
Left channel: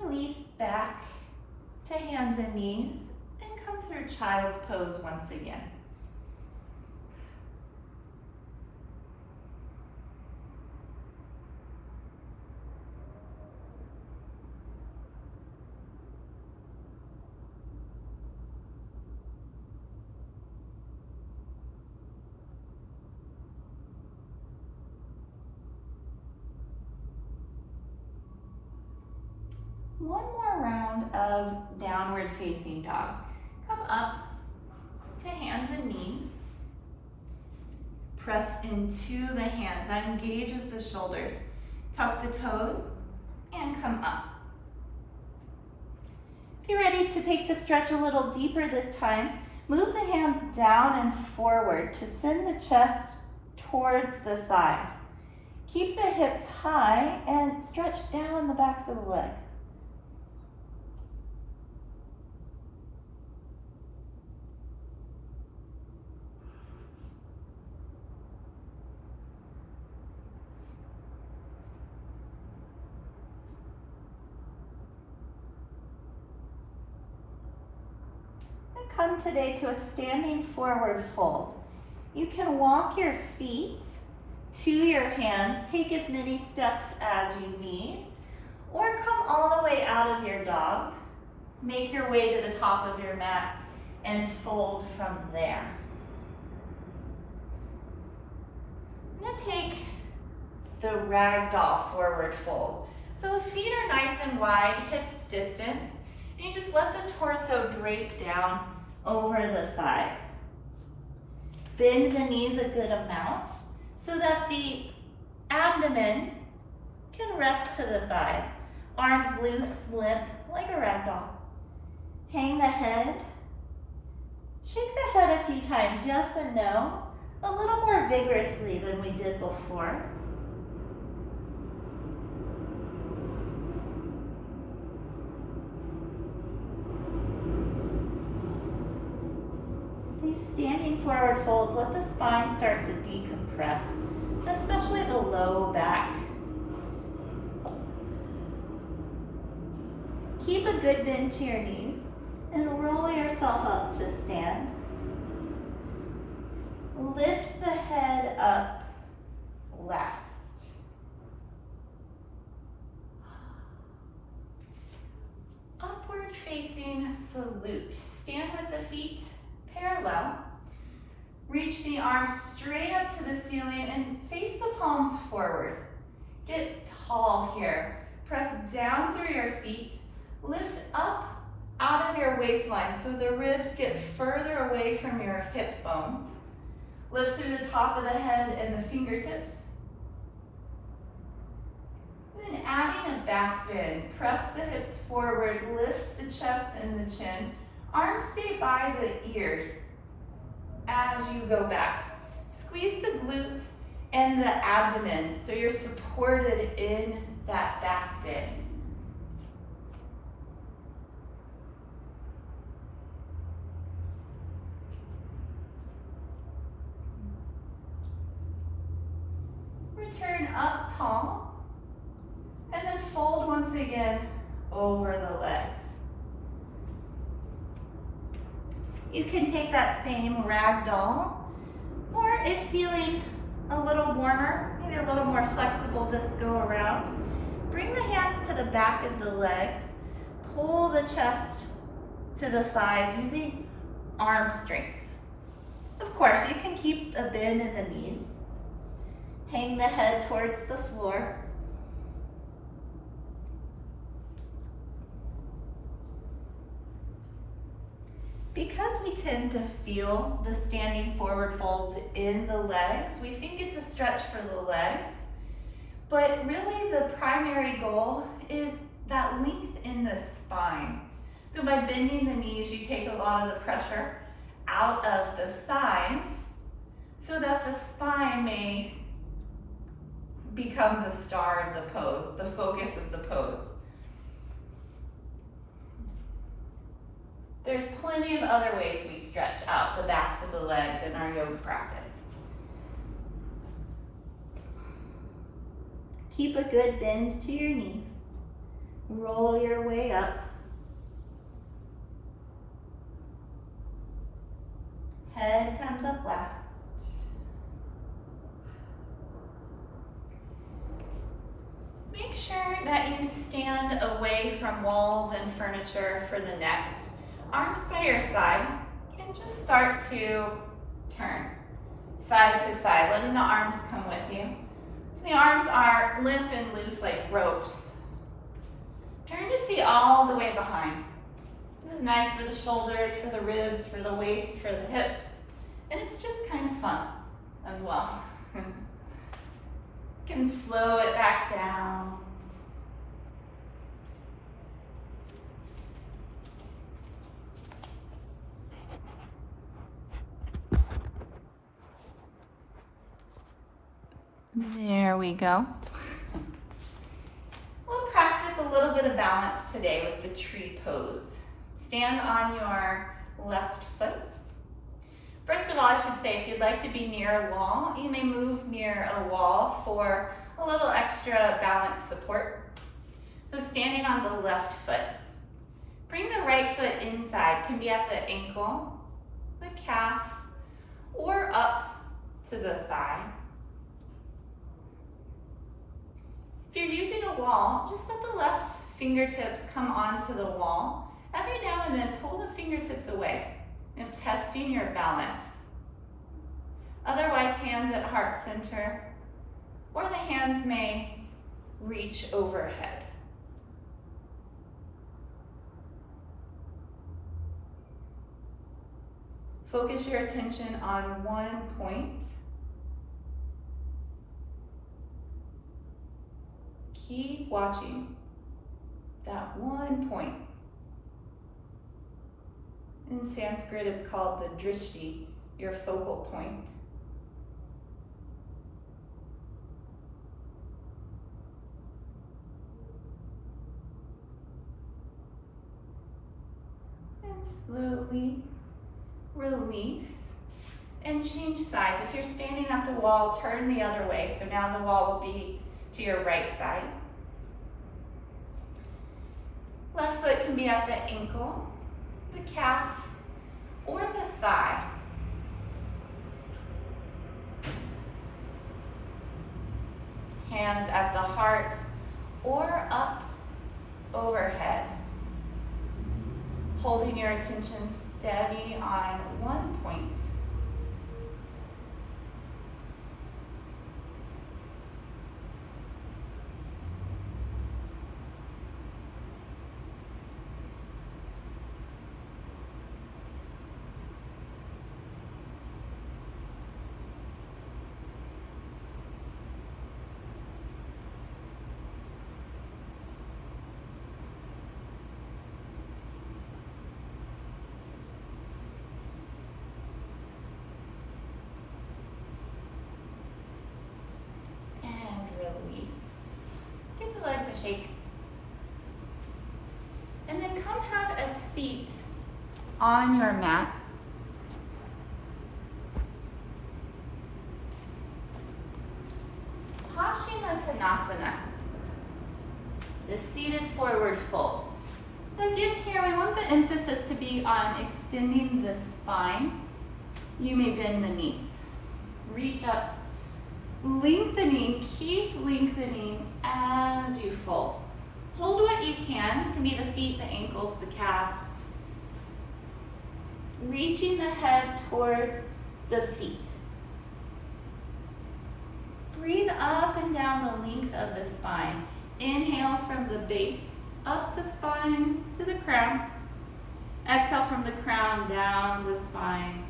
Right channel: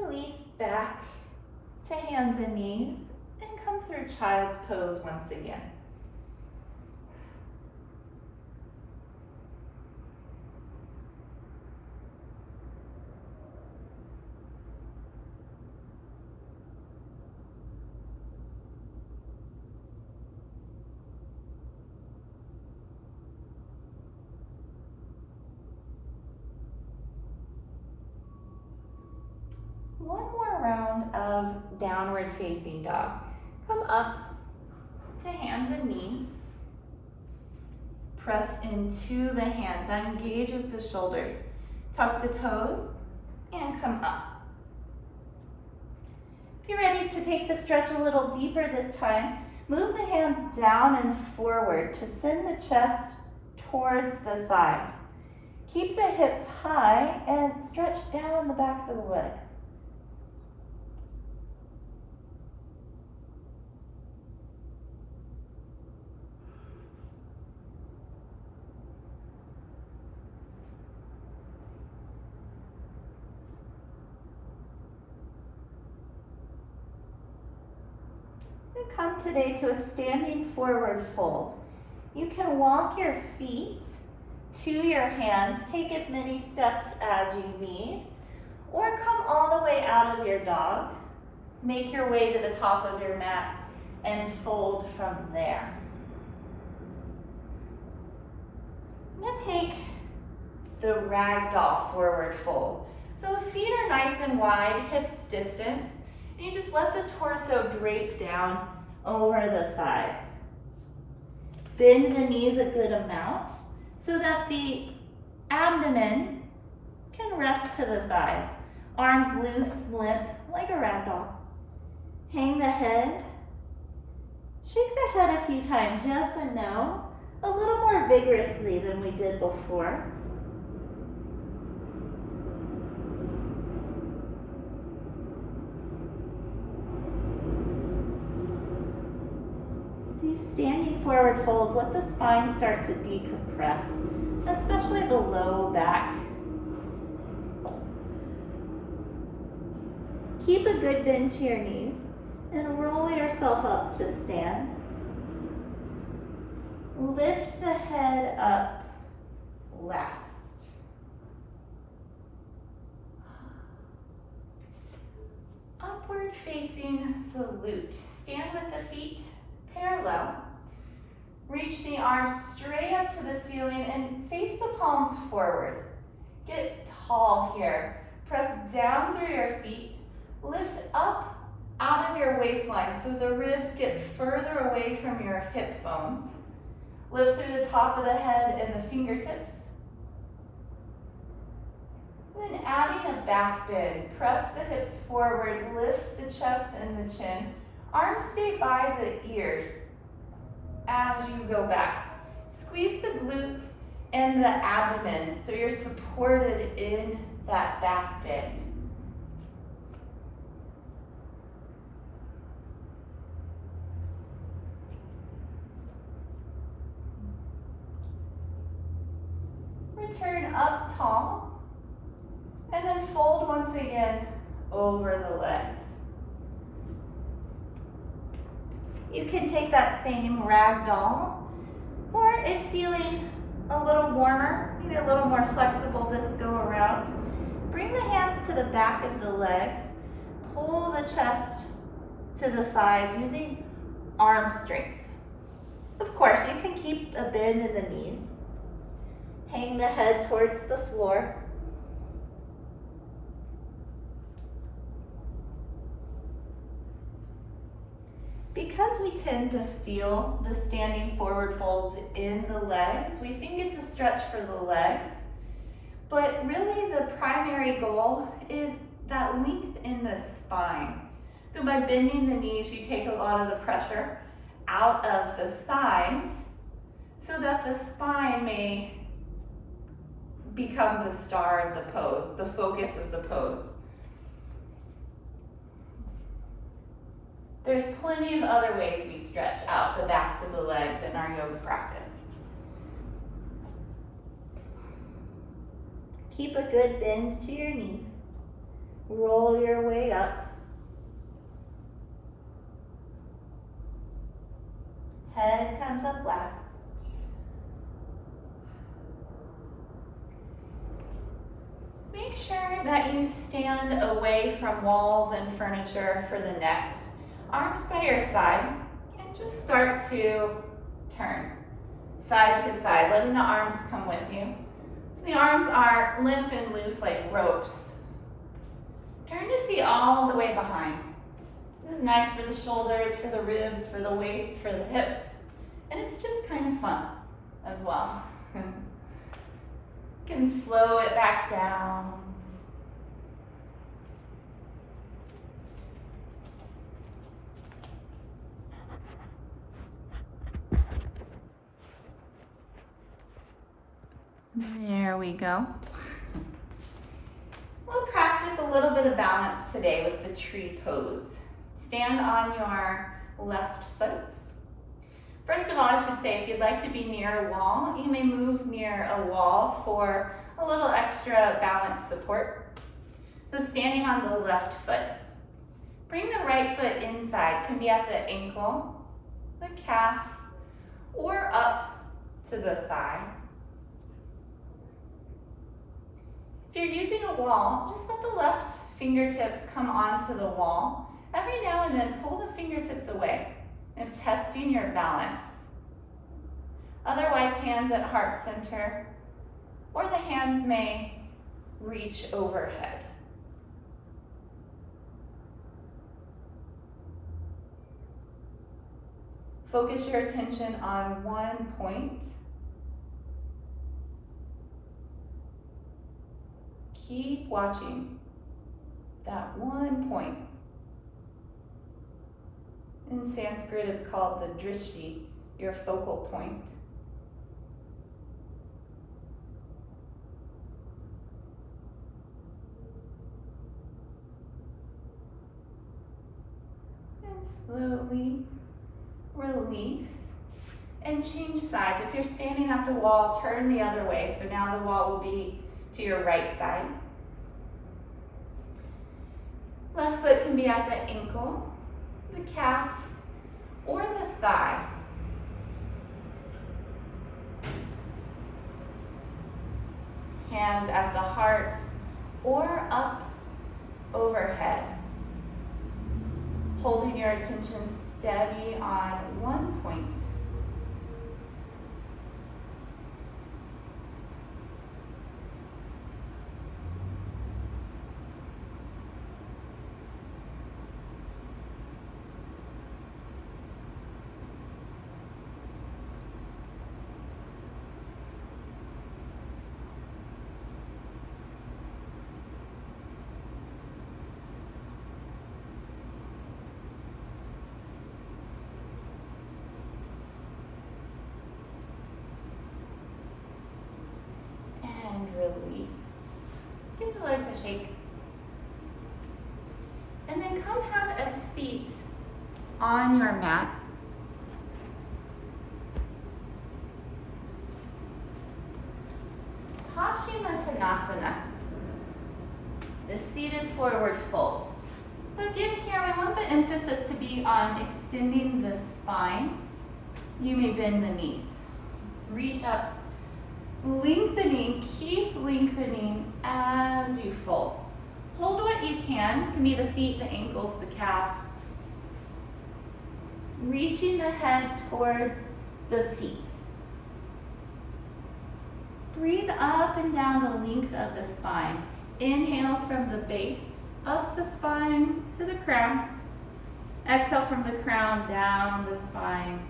Release back to hands and knees and come through child's pose once again. One more round of downward facing dog. Come up to hands and knees. Press into the hands. Engages the shoulders. Tuck the toes and come up. If you're ready to take the stretch a little deeper this time, move the hands down and forward to send the chest towards the thighs. Keep the hips high and stretch down the backs of the legs. Come today to a standing forward fold. You can walk your feet to your hands, take as many steps as you need, or come all the way out of your dog. Make your way to the top of your mat and fold from there. I'm going to take the ragdoll forward fold. So the feet are nice and wide, hips distance, and you just let the torso drape down over the thighs. Bend the knees a good amount so that the abdomen can rest to the thighs. Arms loose, limp, like a ragdoll. Hang the head. Shake the head a few times, yes and no, a little more vigorously than we did before. These standing forward folds let the spine start to decompress, especially the low back. Keep a good bend to your knees and roll yourself up to stand. Lift the head up last. Upward facing salute. Stand with the feet parallel. Reach the arms straight up to the ceiling and face the palms forward. Get tall here. Press down through your feet. Lift up out of your waistline so the ribs get further away from your hip bones. Lift through the top of the head and the fingertips. Then adding a back bend. Press the hips forward, lift the chest and the chin. Arms stay by the ears as you go back. Squeeze the glutes and the abdomen so you're supported in that back bend. Return up tall and then fold once again over the legs. You can take that same ragdoll, or if feeling a little warmer, maybe a little more flexible this go around, bring the hands to the back of the legs, pull the chest to the thighs using arm strength. Of course, you can keep a bend in the knees. Hang the head towards the floor. Because we tend to feel the standing forward folds in the legs, we think it's a stretch for the legs, but really the primary goal is that length in the spine. So by bending the knees, you take a lot of the pressure out of the thighs so that the spine may become the star of the pose, the focus of the pose. There's plenty of other ways we stretch out the backs of the legs in our yoga practice. Keep a good bend to your knees. Roll your way up. Head comes up last. Make sure that you stand away from walls and furniture for the next. Arms by your side, and just start to turn side to side, letting the arms come with you. So the arms are limp and loose like ropes. Turn to see all the way behind. This is nice for the shoulders, for the ribs, for the waist, for the hips, and it's just kind of fun as well. You can slow it back down. There we go. We'll practice a little bit of balance today with the tree pose. Stand on your left foot. First of all, I should say, if you'd like to be near a wall, you may move near a wall for a little extra balance support. So standing on the left foot. Bring the right foot inside. Can be at the ankle, the calf, or up to the thigh. If you're using a wall, just let the left fingertips come onto the wall. Every now and then, pull the fingertips away if testing your balance. Otherwise, hands at heart center, or the hands may reach overhead. Focus your attention on one point. Keep watching that one point. In Sanskrit, it's called the drishti, your focal point. And slowly release and change sides. If you're standing at the wall, turn the other way. So now the wall will be to your right side. Left foot can be at the ankle, the calf, or the thigh. Hands at the heart or up overhead. Holding your attention steady on one point. Release. Give the legs a shake. And then come have a seat on your mat. Paschimottanasana, the seated forward fold. So again here, I want the emphasis to be on extending the spine. You may bend the knees. Reach up. Lengthening, keep lengthening as you fold. Hold what you can be the feet, the ankles, the calves. reaching the head towards the feet. Breathe up and down the length of the spine. Inhale from the base, up the spine to the crown. Exhale from the crown, down the spine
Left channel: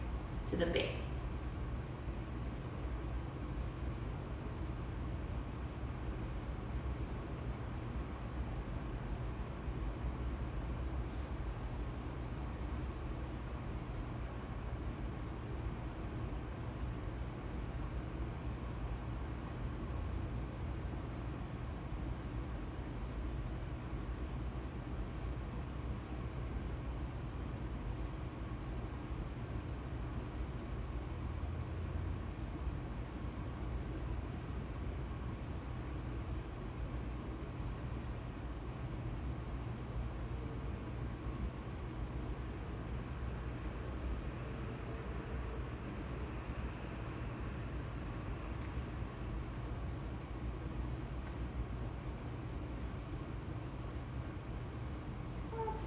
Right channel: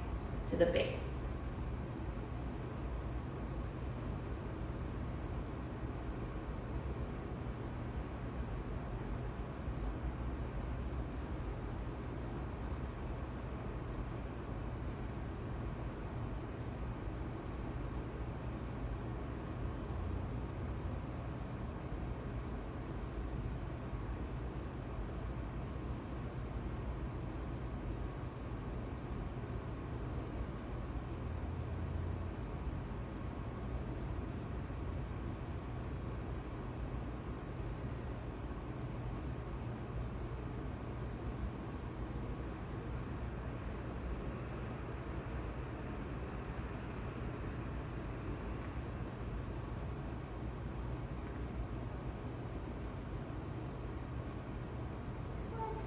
to the base.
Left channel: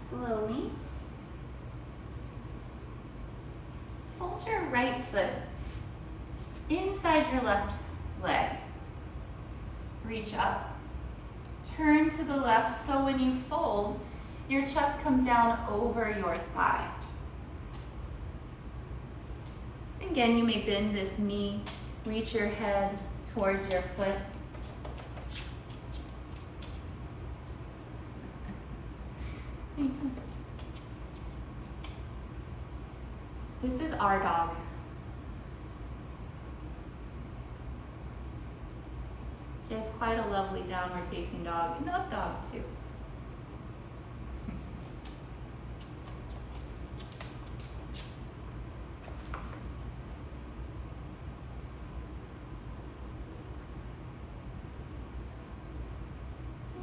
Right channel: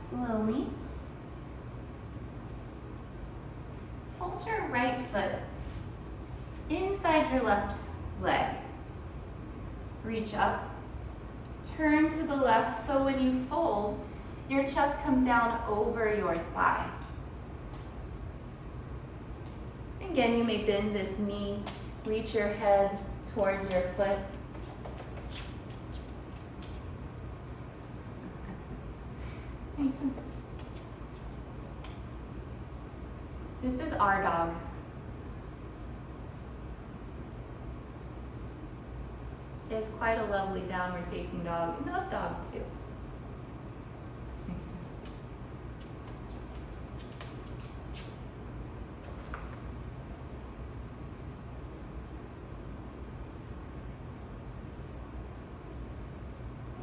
Slowly. Fold your right foot inside your left leg. Reach up. Turn to the left so when you fold, your chest comes down over your thigh. Again, you may bend this knee, reach your head towards your foot. This is our dog. She has quite a lovely downward facing dog, and up dog too.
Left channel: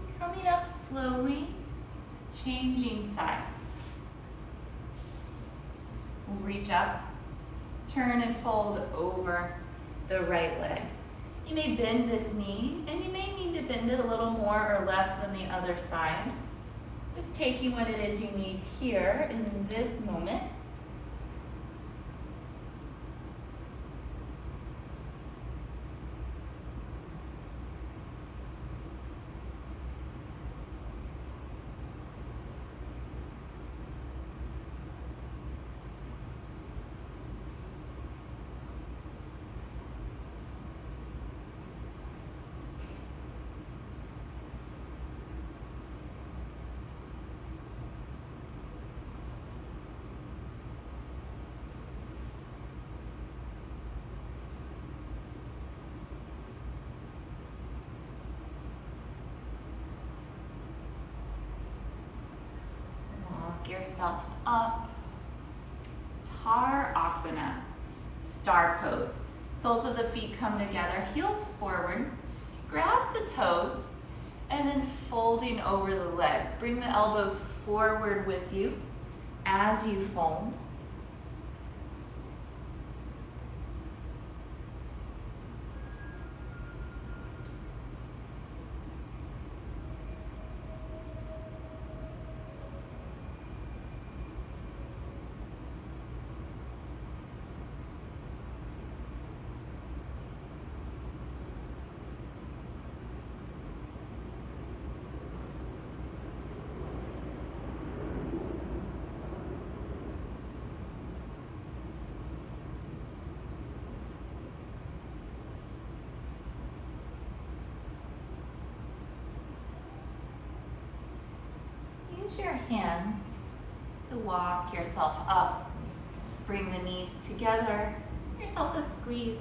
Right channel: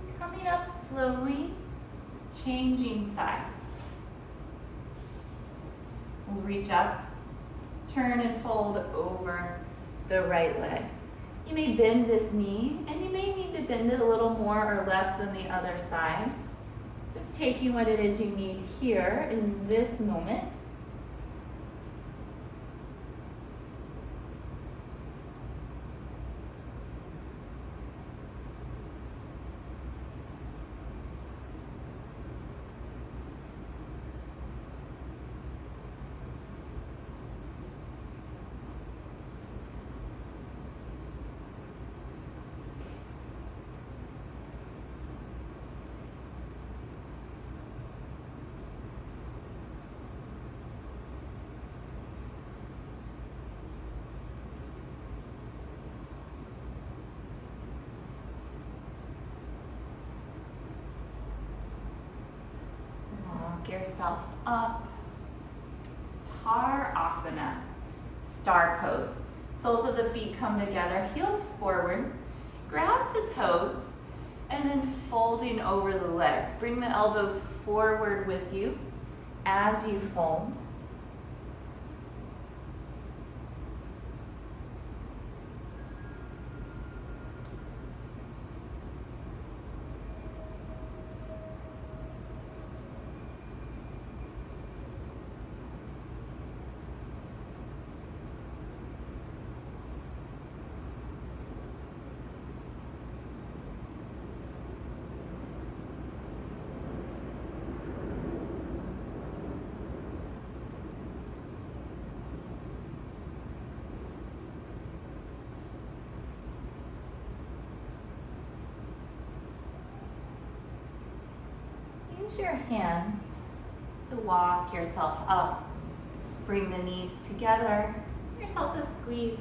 And coming up slowly, changing sides. We'll reach up, turn and fold over the right leg. You may bend this knee, and you may need to bend it a little more or less than the other side. Just taking what it is you need here in this moment. Yourself up. Asana, star pose. Soles of the feet come together, heels forward. Grab the toes and then folding over the legs. Bring the elbows forward with you as you fold. Use your hands to walk yourself up. Bring the knees together, give yourself a squeeze.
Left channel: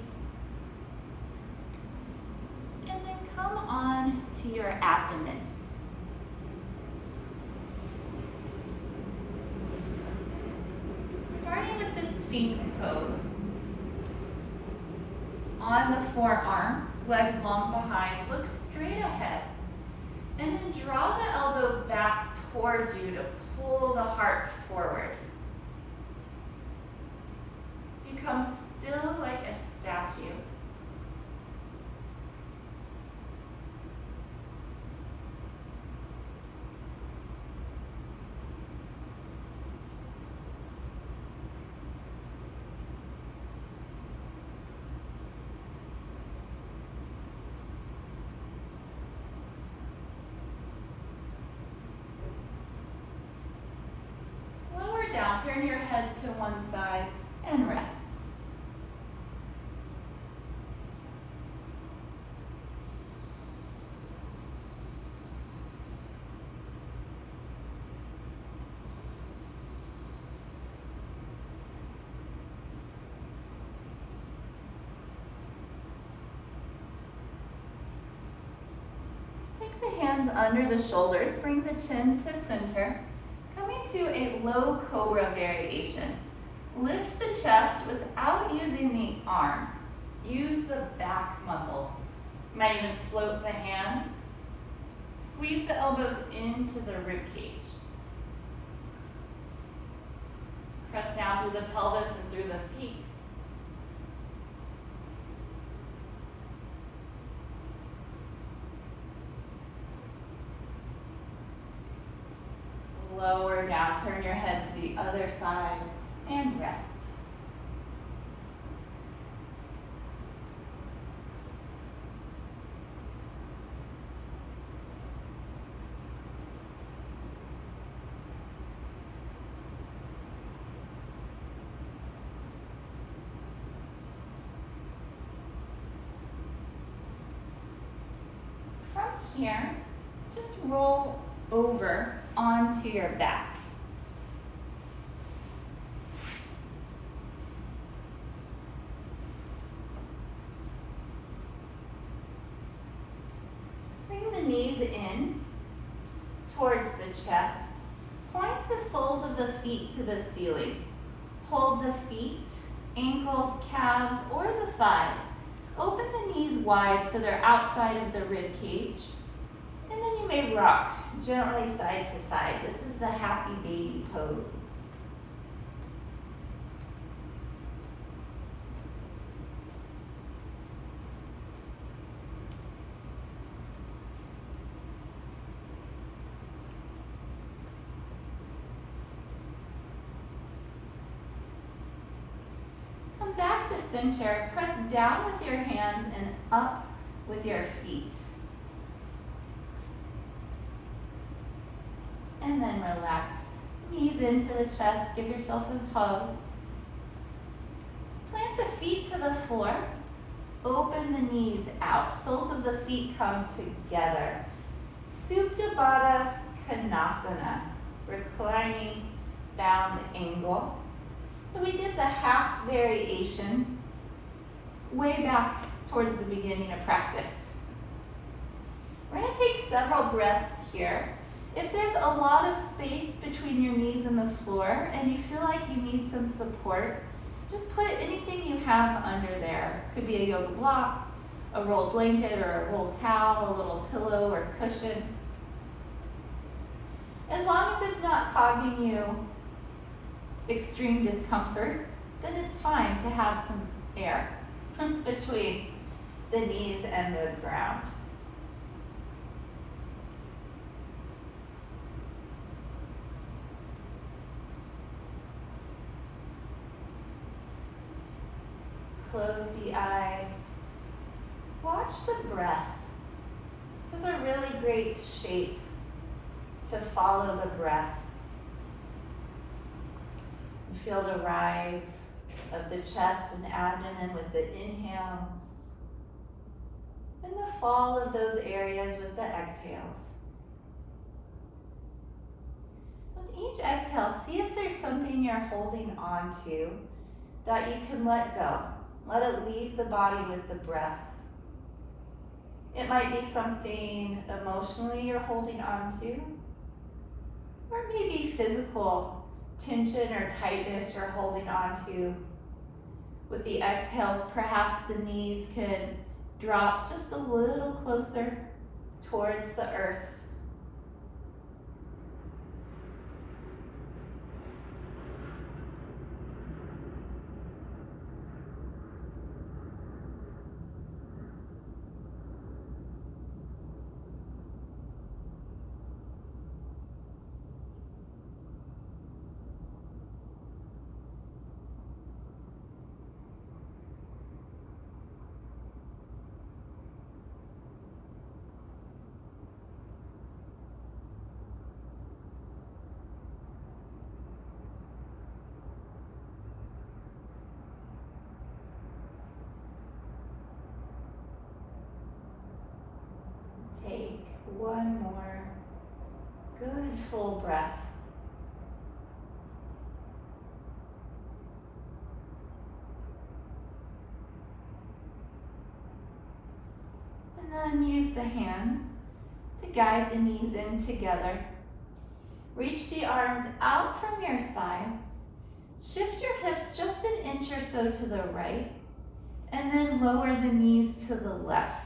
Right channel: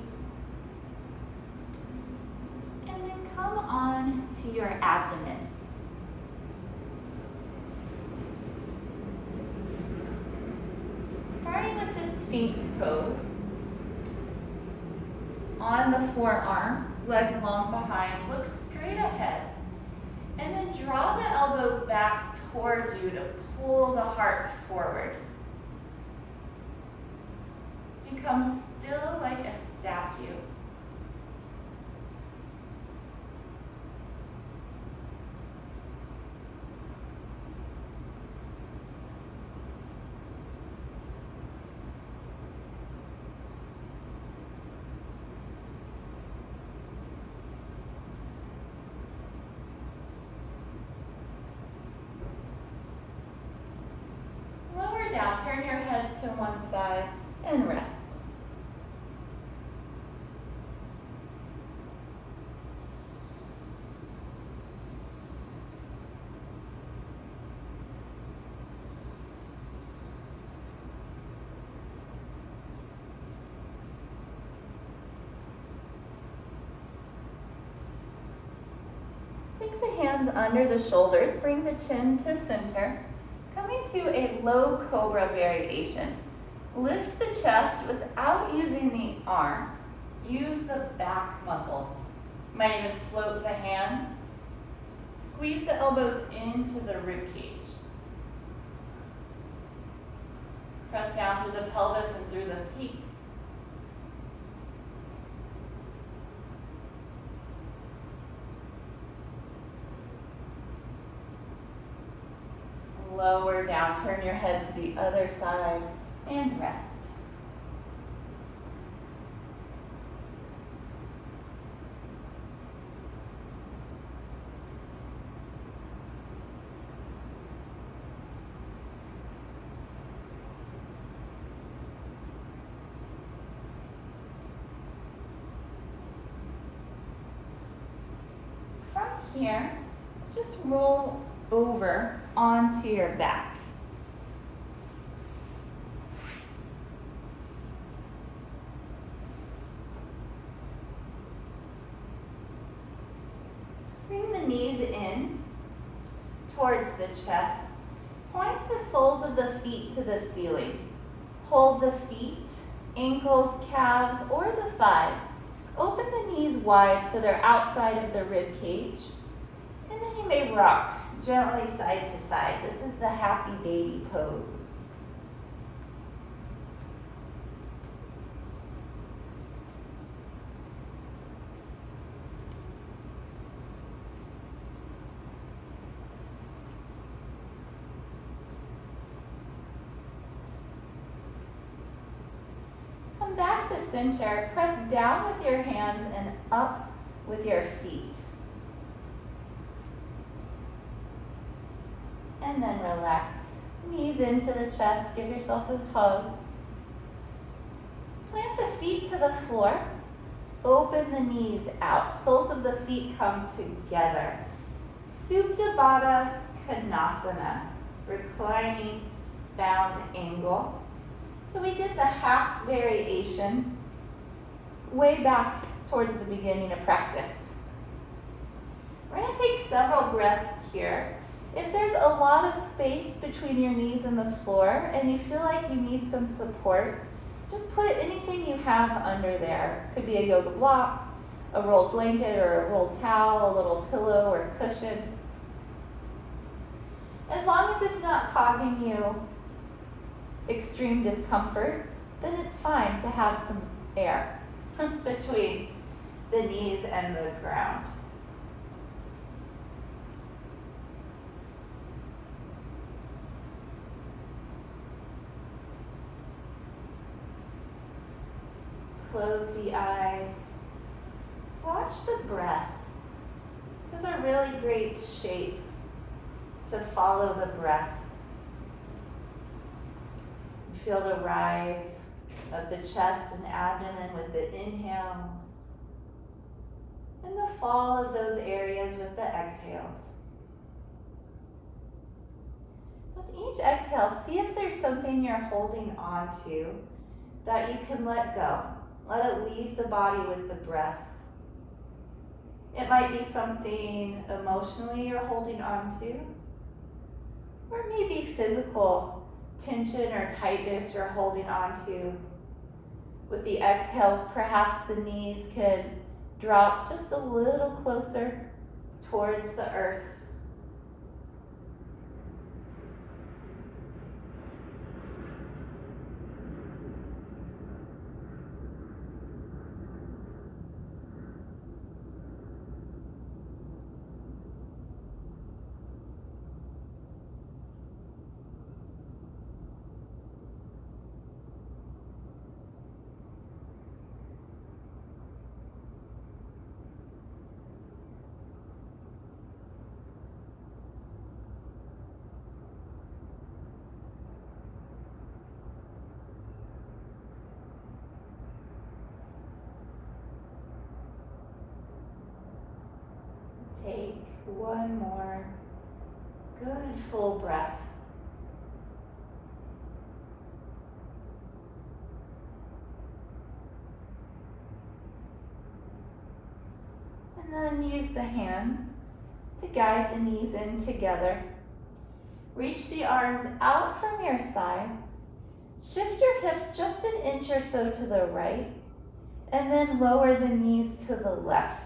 And then come on to your abdomen. Starting with the Sphinx pose. On the forearms, legs long behind, look straight ahead. And then draw the elbows back towards you to pull the heart forward. Become still like a statue. turn your head to one side and rest. Take the hands under the shoulders, bring the chin to center. Coming to a low Cobra Variation. Lift the chest without using the arms. Use the back muscles. You might even float the hands. Squeeze the elbows into the rib cage. Press down through the pelvis and through the feet. Lower down, turn your head to the other side and rest. From here, just roll over onto your back. Bring the knees in towards the chest. Point the soles of the feet to the ceiling. Hold the feet, ankles, calves, or the thighs. Open the knees wide so they're outside of the rib cage. And then you may rock gently side to side. This is the happy baby pose. Come back to center. Press down with your hands and up with your feet. And then relax. Knees into the chest. Give yourself a hug. Plant the feet to the floor. Open the knees out. Soles of the feet come together. Supta Baddha Kanasana. Reclining bound angle. So we did the half variation way back towards the beginning of practice. We're going to take several breaths here. If there's a lot of space between your knees and the floor and you feel like you need some support, just put anything you have under there. It could be a yoga block, a rolled blanket or a rolled towel, a little pillow or cushion. As long as it's not causing you extreme discomfort, then it's fine to have some air between the knees and the ground. Close the eyes. Watch the breath. This is a really great shape to follow the breath. Feel the rise of the chest and abdomen with the inhales and the fall of those areas with the exhales. With each exhale, see if there's something you're holding on to that you can let go. Let it leave the body with the breath. It might be something emotionally you're holding on to, or maybe physical tension or tightness you're holding on to. With the exhales, perhaps the knees could drop just a little closer towards the earth. Take one more good full breath. And then use the hands to guide the knees in together. Reach the arms out from your sides. Shift your hips just an inch or so to the right, and then lower the knees to the left.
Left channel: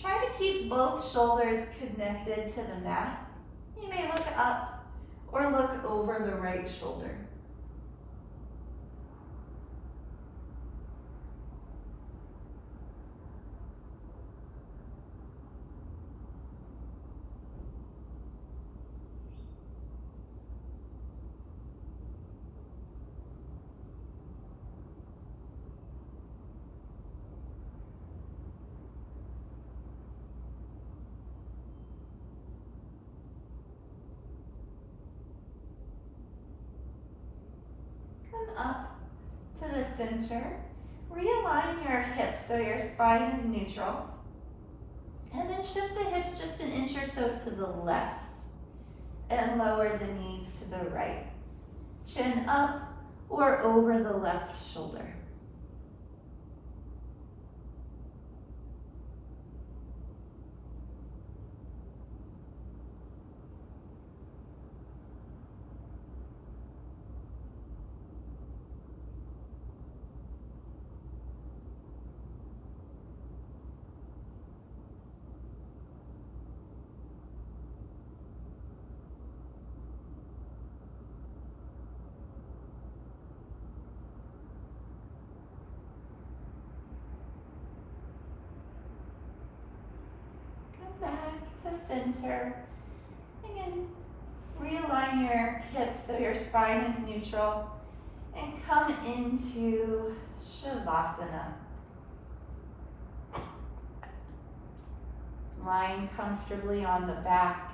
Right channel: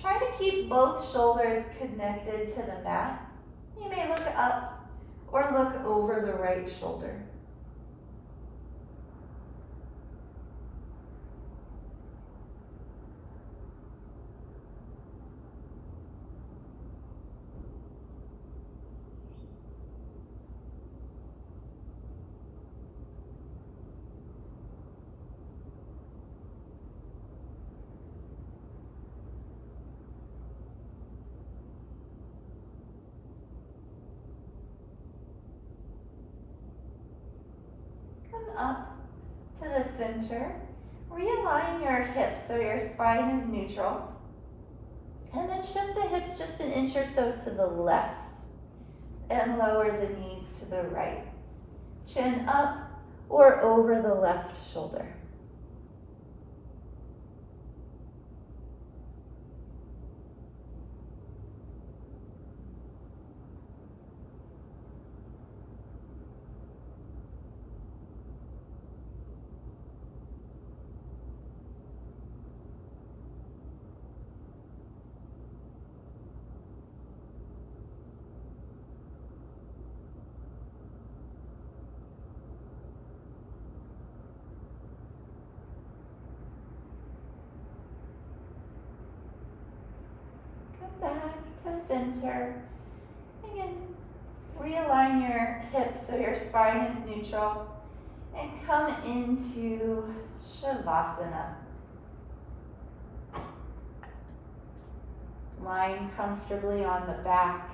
Try to keep both shoulders connected to the mat. You may look up or look over the right shoulder. Come up to the center. Realign your hips so your spine is neutral. And then shift the hips just an inch or so to the left. And lower the knees to the right. Chin up or over the left shoulder. Back to center. Again, realign your hips so your spine is neutral and come into Shavasana. Lying comfortably on the back.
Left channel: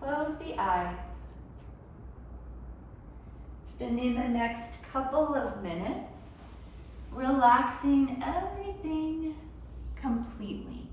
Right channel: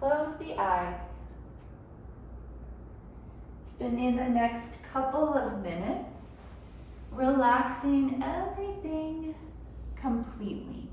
Close the eyes. Spending the next couple of minutes relaxing everything completely.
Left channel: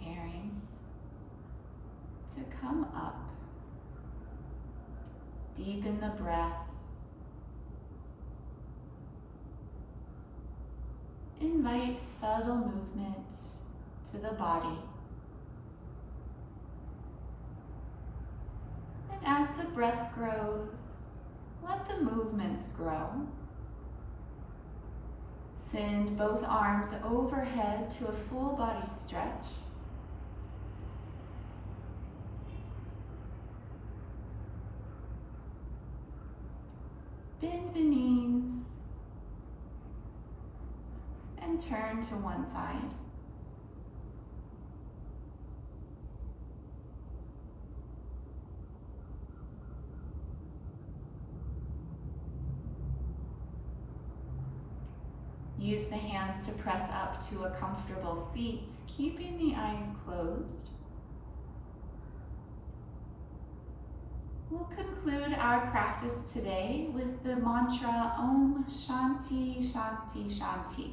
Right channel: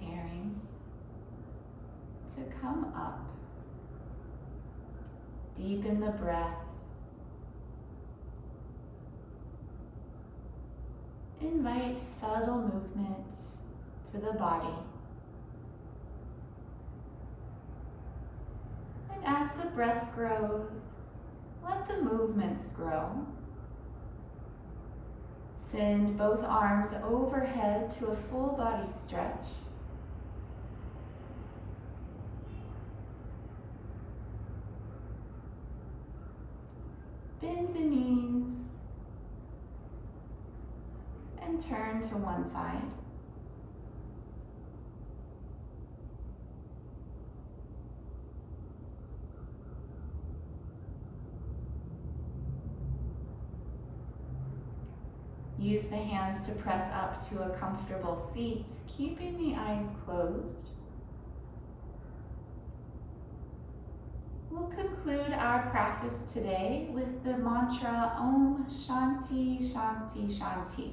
Preparing to come up. Deepen the breath. Invite subtle movement to the body. And as the breath grows, let the movements grow. Send both arms overhead to a full body stretch. Bend the knees and and turn to one side. Use the hands to press up to a comfortable seat, keeping the eyes closed. We'll conclude our practice today with the mantra Om Shanti Shanti Shanti.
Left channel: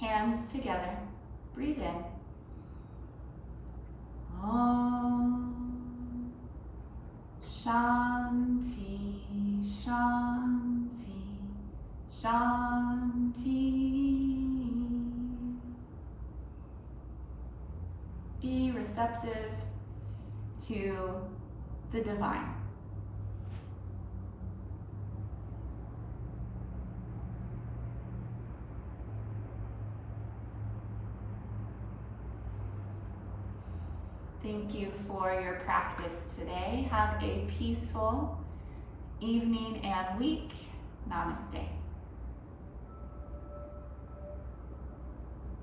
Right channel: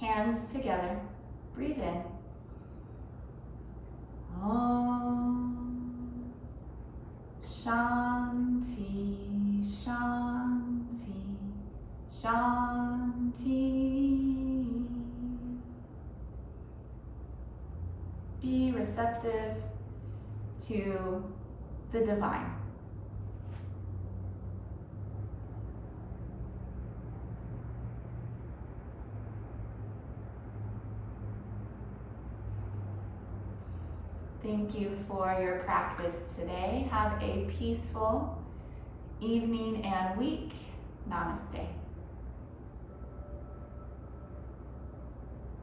Hands together. Breathe in. Om Shanti Shanti Shanti. Be receptive to the divine. Thank you for your practice today. Have a peaceful evening and week. Namaste.